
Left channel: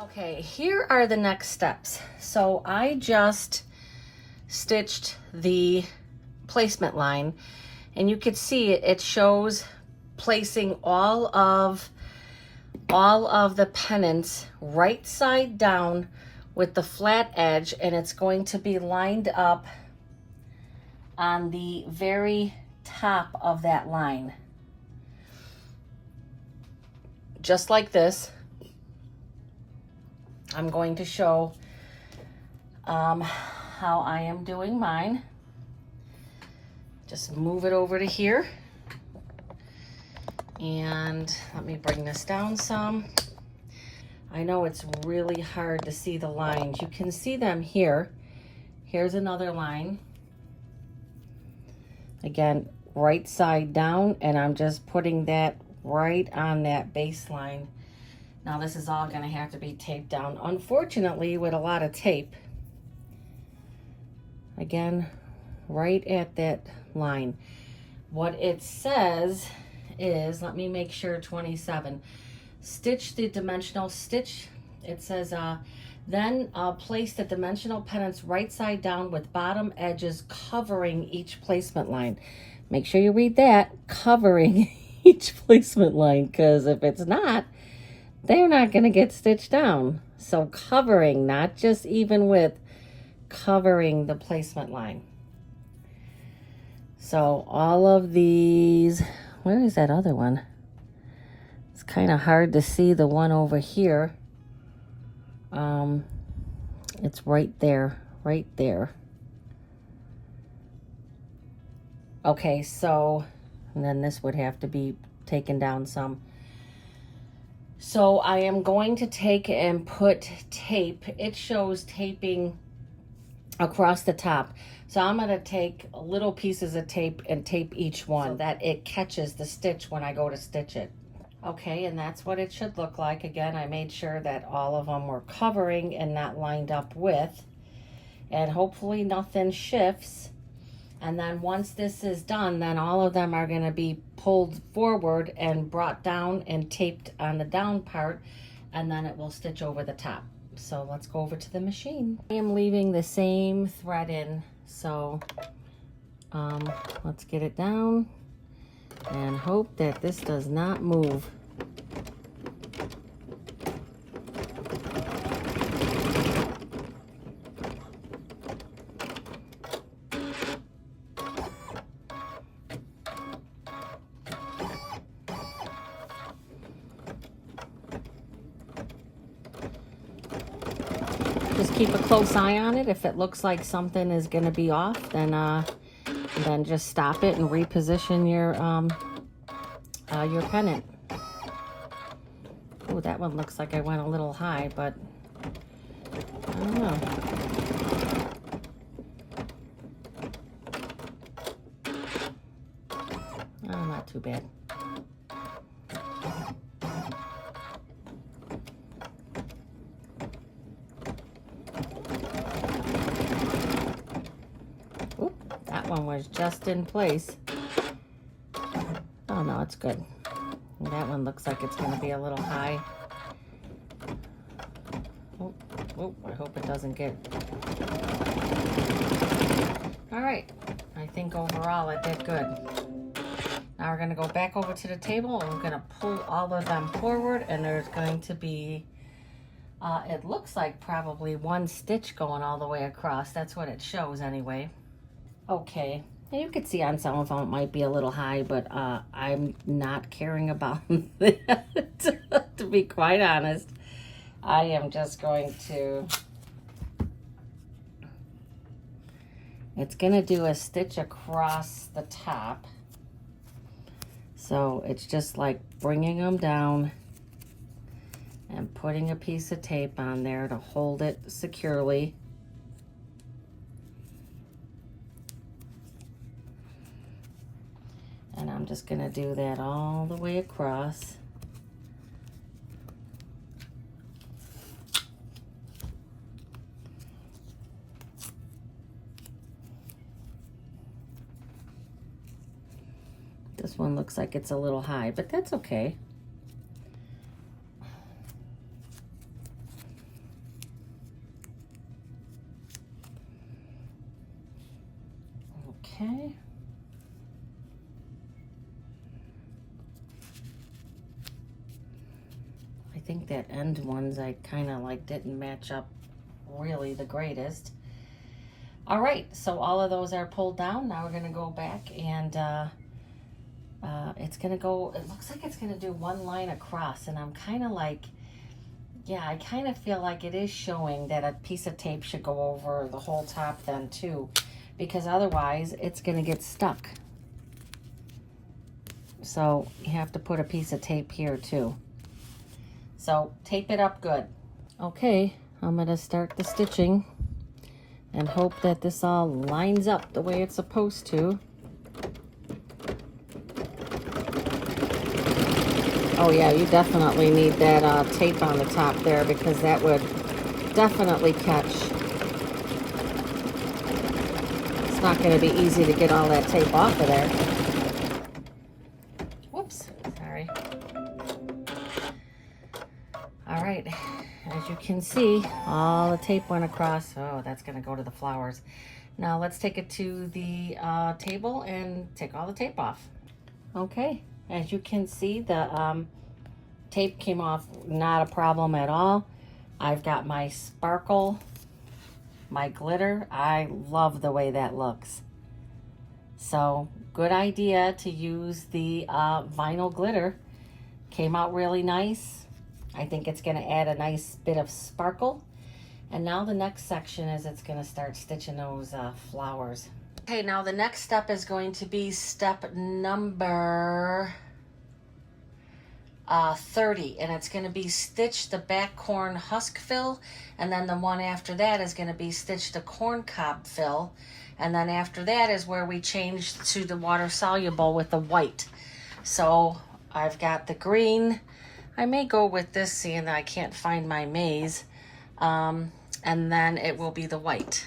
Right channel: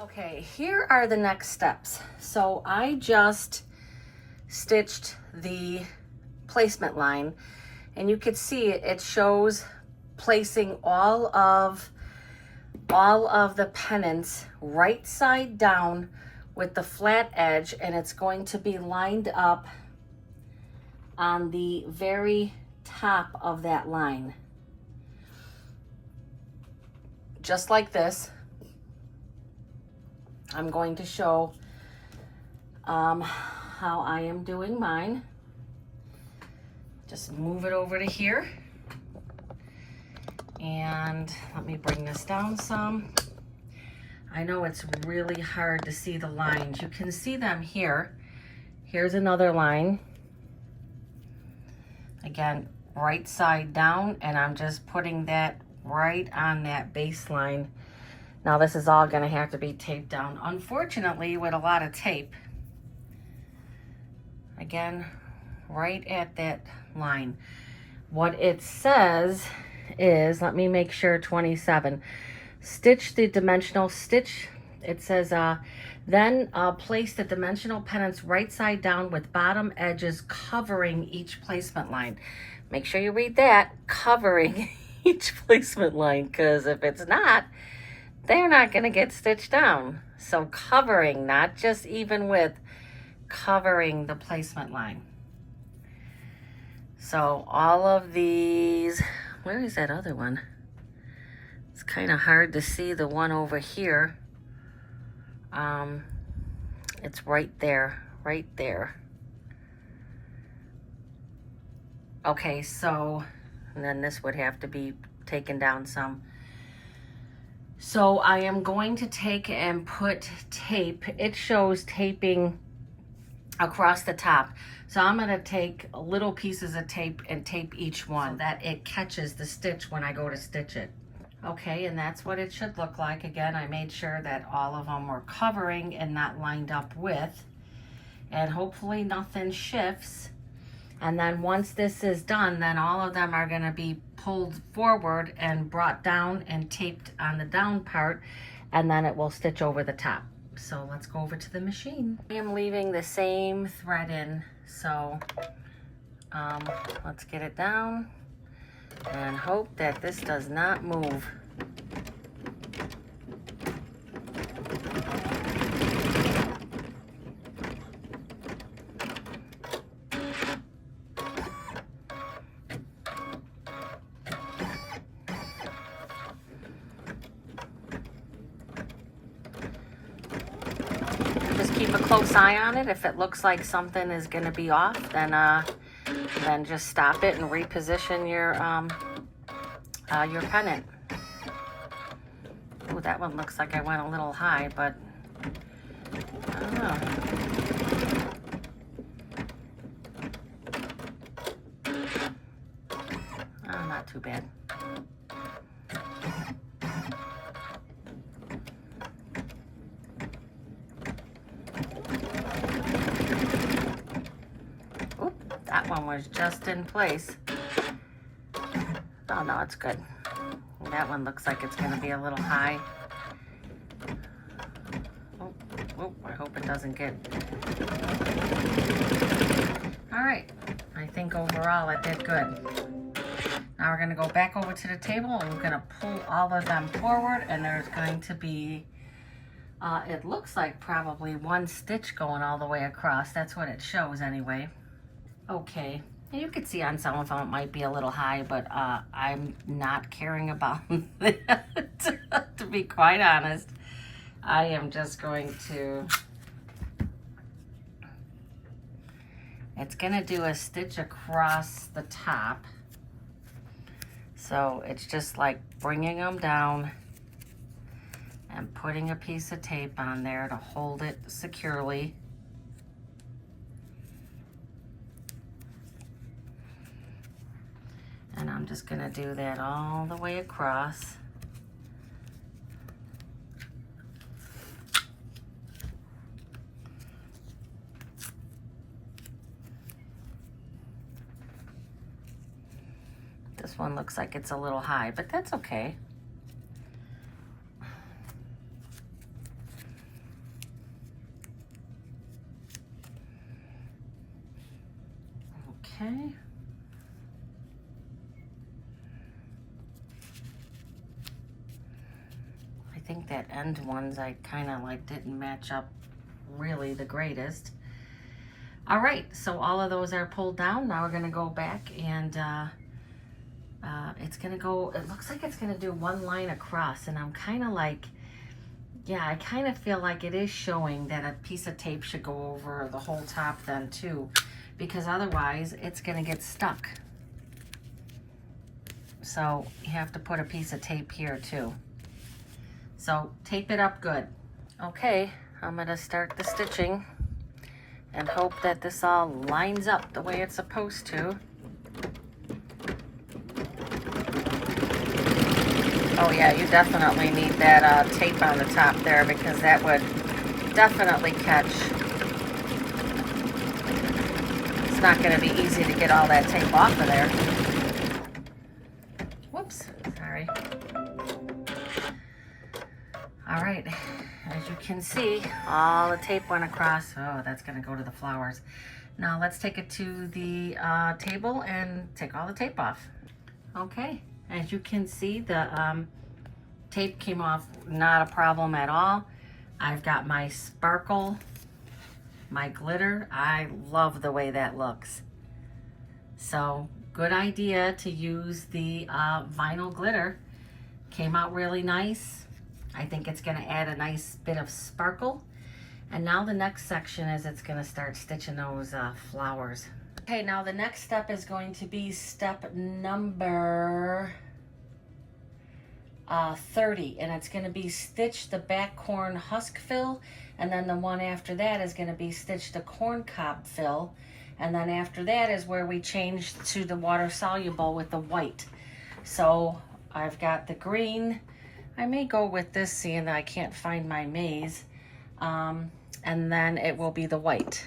Okay, here are the next steps. So I just stitched the placement line, and you can see it shows placing all of the pennants right side down with the flat edge, and it's going to be lined up on the very top of that line. Just like this. I'm going to show how I am doing mine. Just move it over to here. And let me bring this down some. I know it's really hard to see the lines. You can see them here. Here's another line. Again, right side down, and I'm just putting that right on that baseline. Now this is all going to have to be taped down, unfortunately, with a lot of tape. Again, right at that line. What it says is, let me make sure, 27. Stitch the dimensional stitch. It says, then place the dimensional pennants right side down with bottom edges covering each placement line. Make sure you read that, covering each placement line, because if it's not, they're not going to get stitched down. So covering, not just even with, covering the placement line. So all of these, where is that other one? It's kind of hard to see the one over here. It's right there, right there. Okay, so, and then this would have to be taken down some. So I am going to take and put tape. It shows taping across the top. So I'm going to take little pieces of tape and tape each one so that it catches the stitch when I go to stitch it. Okay, and that's what it should look like. Again, I made sure that all of them were covering and not lined up with, and hopefully nothing shifts. And then once this is done, then all of them are going to be pulled forward and brought down and taped on the down part, and then it will stitch over the top. So let's go over to the machine. I am leaving the same thread in, so let's get it down and hope that this does not move. Keep a close eye on it. If it looks like something is going to be off, then just stop it and reposition your pennant. Oh, that one looks like I went a little high, but I don't know. Oh, not too bad. Just in place. Oh no, it's good. That one looks like it's going to be a little high. Oh, I hope it doesn't get... Alright, I think overall it did good. Now we're going to go back over to the table and we're going to pull all of them forward, and there's going to be it looks like probably one stitch going all the way across. That's what it shows anyway. Okay, you can see on some of them it might be a little high, but I'm not caring about that, to be quite honest. I am just going to, it's going to do a stitch across the top. So it's just like bringing them down and putting a piece of tape on there to hold it securely. And I'm just going to do that all the way across. This one looks like it's a little high, but that's okay. Okay. I think that end ones I kind of like didn't match up really the greatest. All right, so all of those are pulled down. Now we're going to go back and it's going to go, it looks like it's going to do one line across, and I'm kind of like, yeah, I kind of feel like it is showing that a piece of tape should go over the whole top then too, because otherwise it's going to get stuck. So you have to put a piece of tape here too. So tape it up good. Okay, I'm going to start the stitching and hope that this all lines up the way it's supposed to. Oh yeah, you definitely need that tape on the top there, because that would definitely catch. It's not going to be easy to get all that tape off of there. Whoops, sorry. All right, as you can see, all the tape went across. Oh, that's going to go to the flowers. Now let's take it to the table and take all the tape off. Okay, as you can see, the tape came off, not a problem at all. I've got my sparkle, my glitter. I love the way that looks. So good idea to use the vinyl glitter. Came out really nice. I think it's going to add a nice bit of sparkle. And now the next section is it's going to start stitching those flowers. Okay, now the next step is going to be step number 30, and it's going to be stitch the back corn husk fill, and then the one after that is going to be stitch the corn cob fill, and then after that is where we change to the water soluble with the white. So I've got the green. I may go with this, seeing that I can't find my maize, and then it will be the white.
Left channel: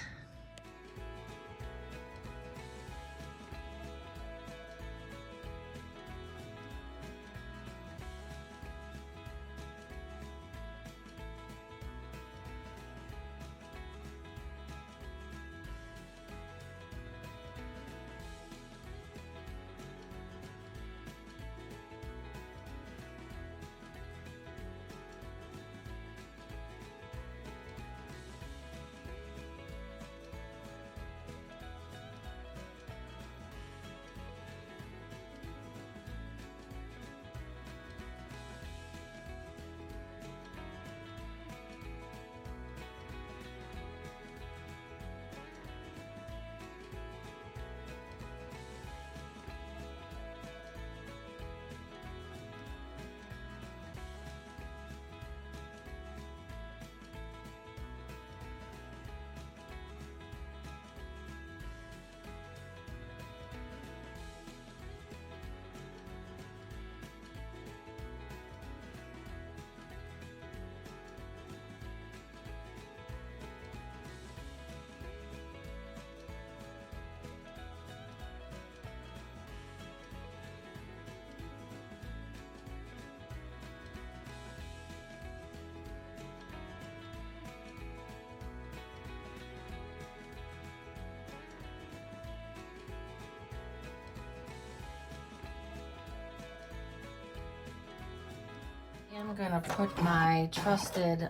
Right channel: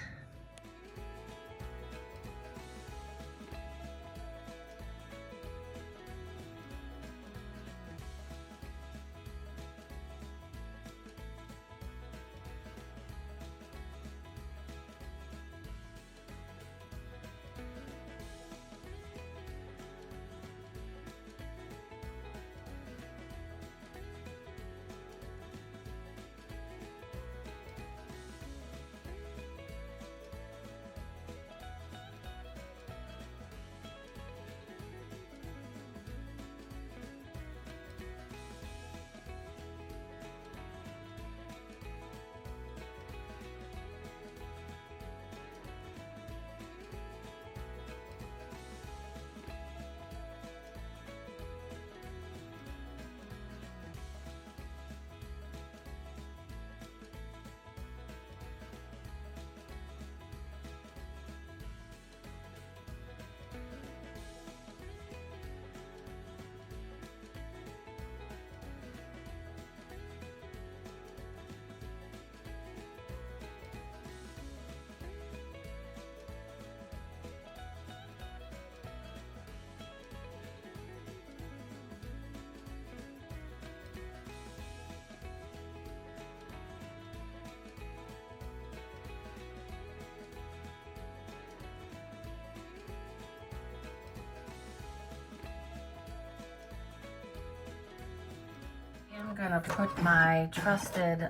I'm gonna put my trusted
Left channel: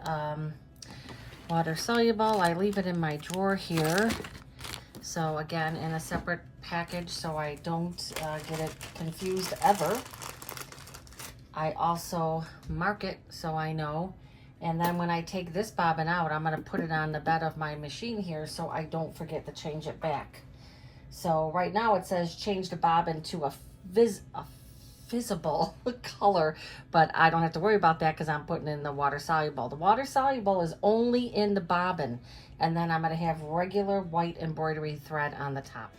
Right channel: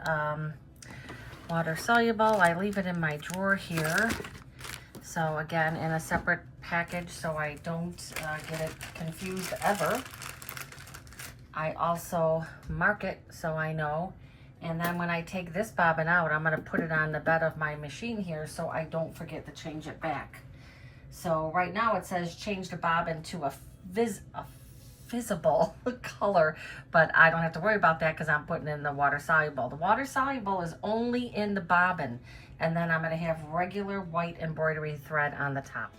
water soluble. I leave it in my drawer here. So again, in a separate package so I don't get it confused ever. I also mark it so I know. And then when I take this bobbin out, I'm gonna put it on the bed of my machine here so I don't forget to change it back. So right now it says change the bobbin to a visible color, but I don't have to worry about that because I'm putting in the water soluble. The water soluble is only in the bobbin, and then I'm going to have regular white embroidery thread on the top.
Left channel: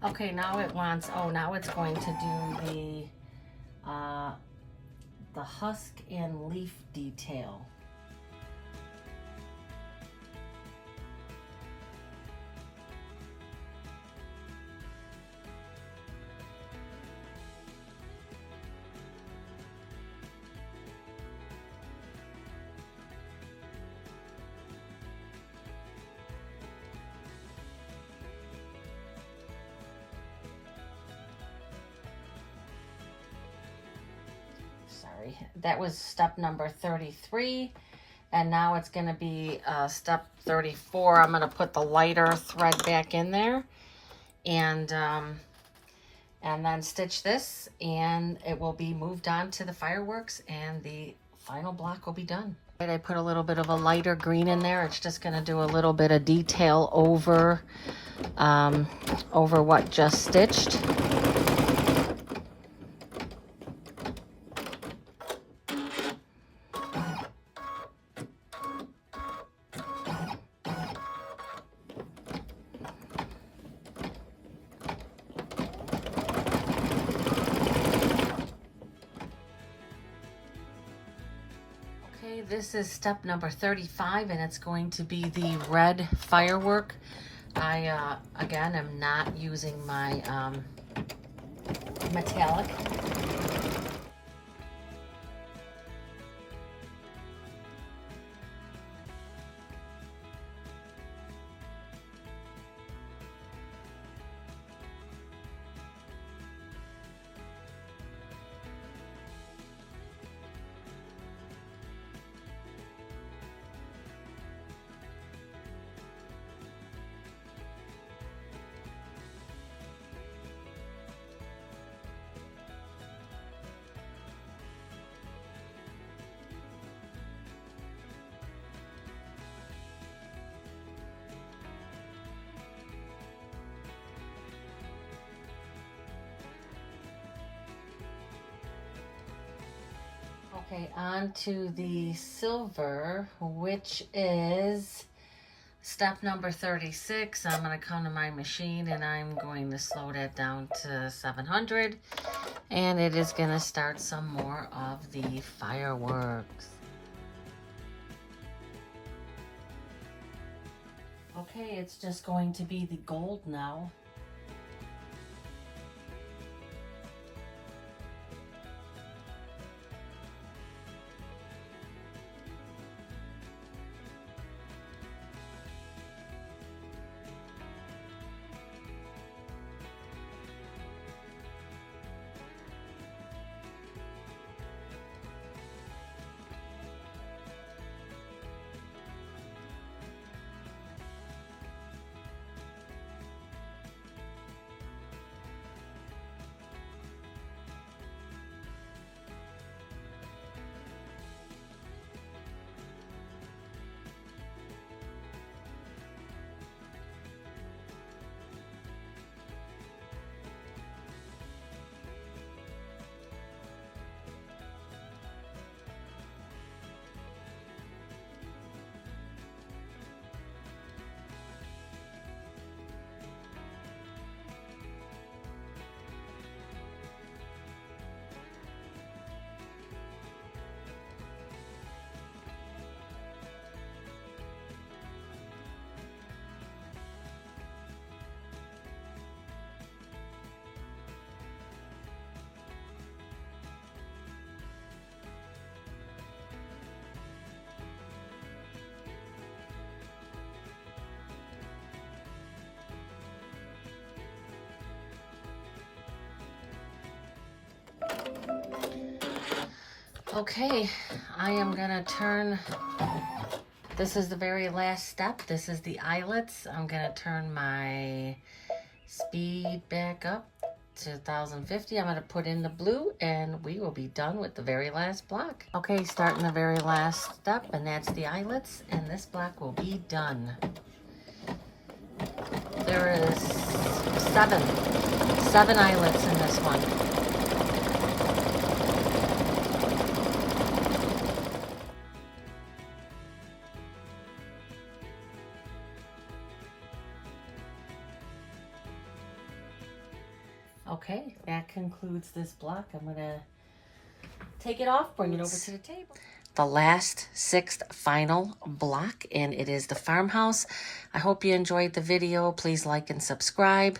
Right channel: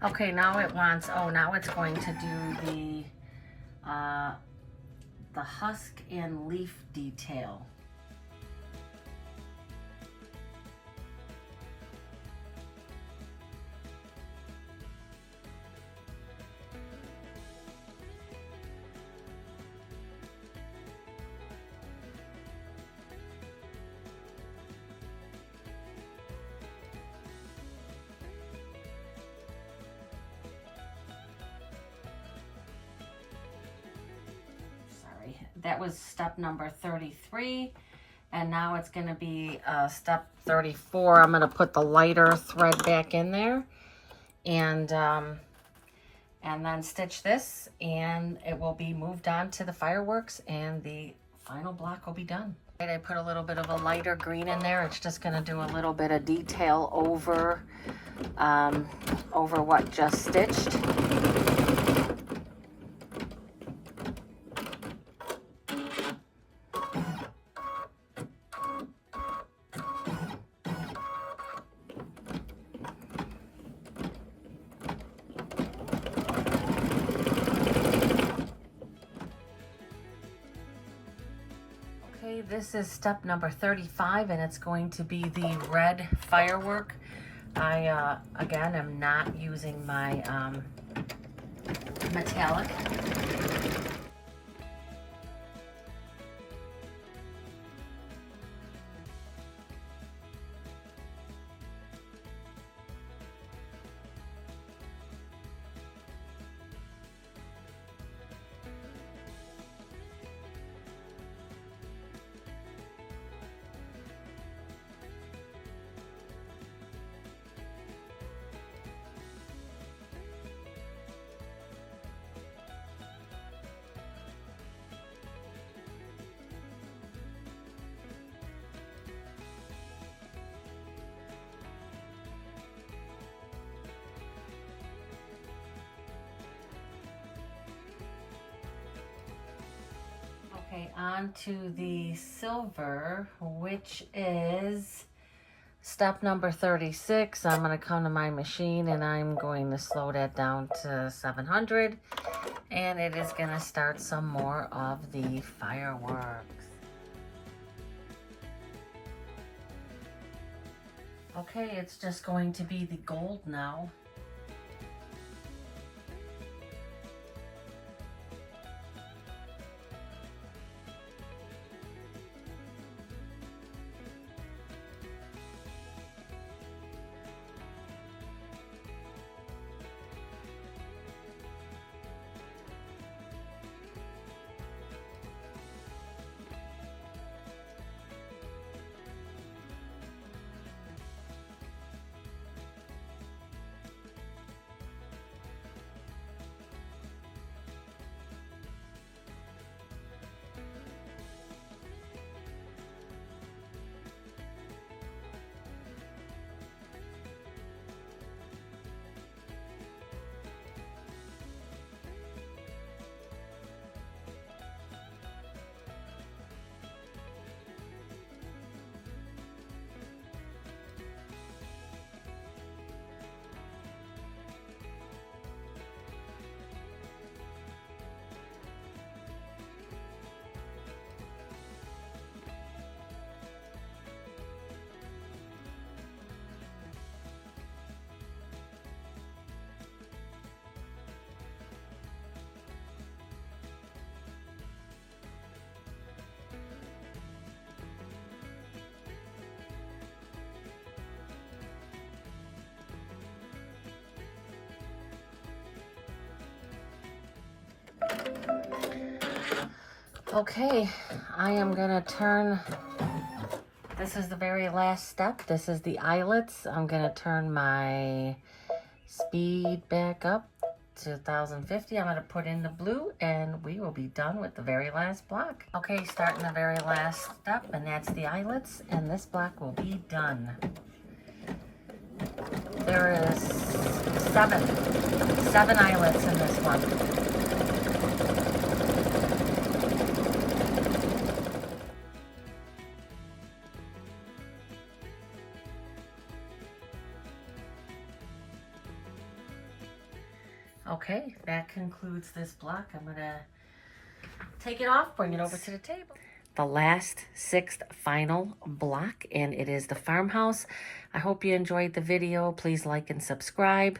Okay, now it wants, now it's going to do the husk and leaf detail. That was step number 33, and now it's going to be step 34. I'm going to put the lighter thread back in there, and then stitch this, and it will be moved on to the fireworks, and the final block will be done. I put a little bit of a lighter green in there. It's just going to do a little bit of detail over what just stitched. This is step number 35, and it's going to be the red firework. I, again, am not using my metallic. Okay, on to the silver, which is step number 36. I'm going to come to my machine and I'm going to slow that down to 700. And it is going to start some more of the fireworks. Okay, it's just going to be the gold now. Okay, I am gonna turn, this is the very last step. This is the eyelets. I'm gonna turn my speed back up to 1050. I'm gonna put in the blue and we will be done with the very last block. Okay, starting the very last step, and that's the eyelets, and this block will be done. There is seven eyelets in this one. Okay, that concludes this block. I'm gonna take it off, bring it over to the table. The last, sixth, final block, and it is the farmhouse. I hope you enjoyed the video. Please like and subscribe.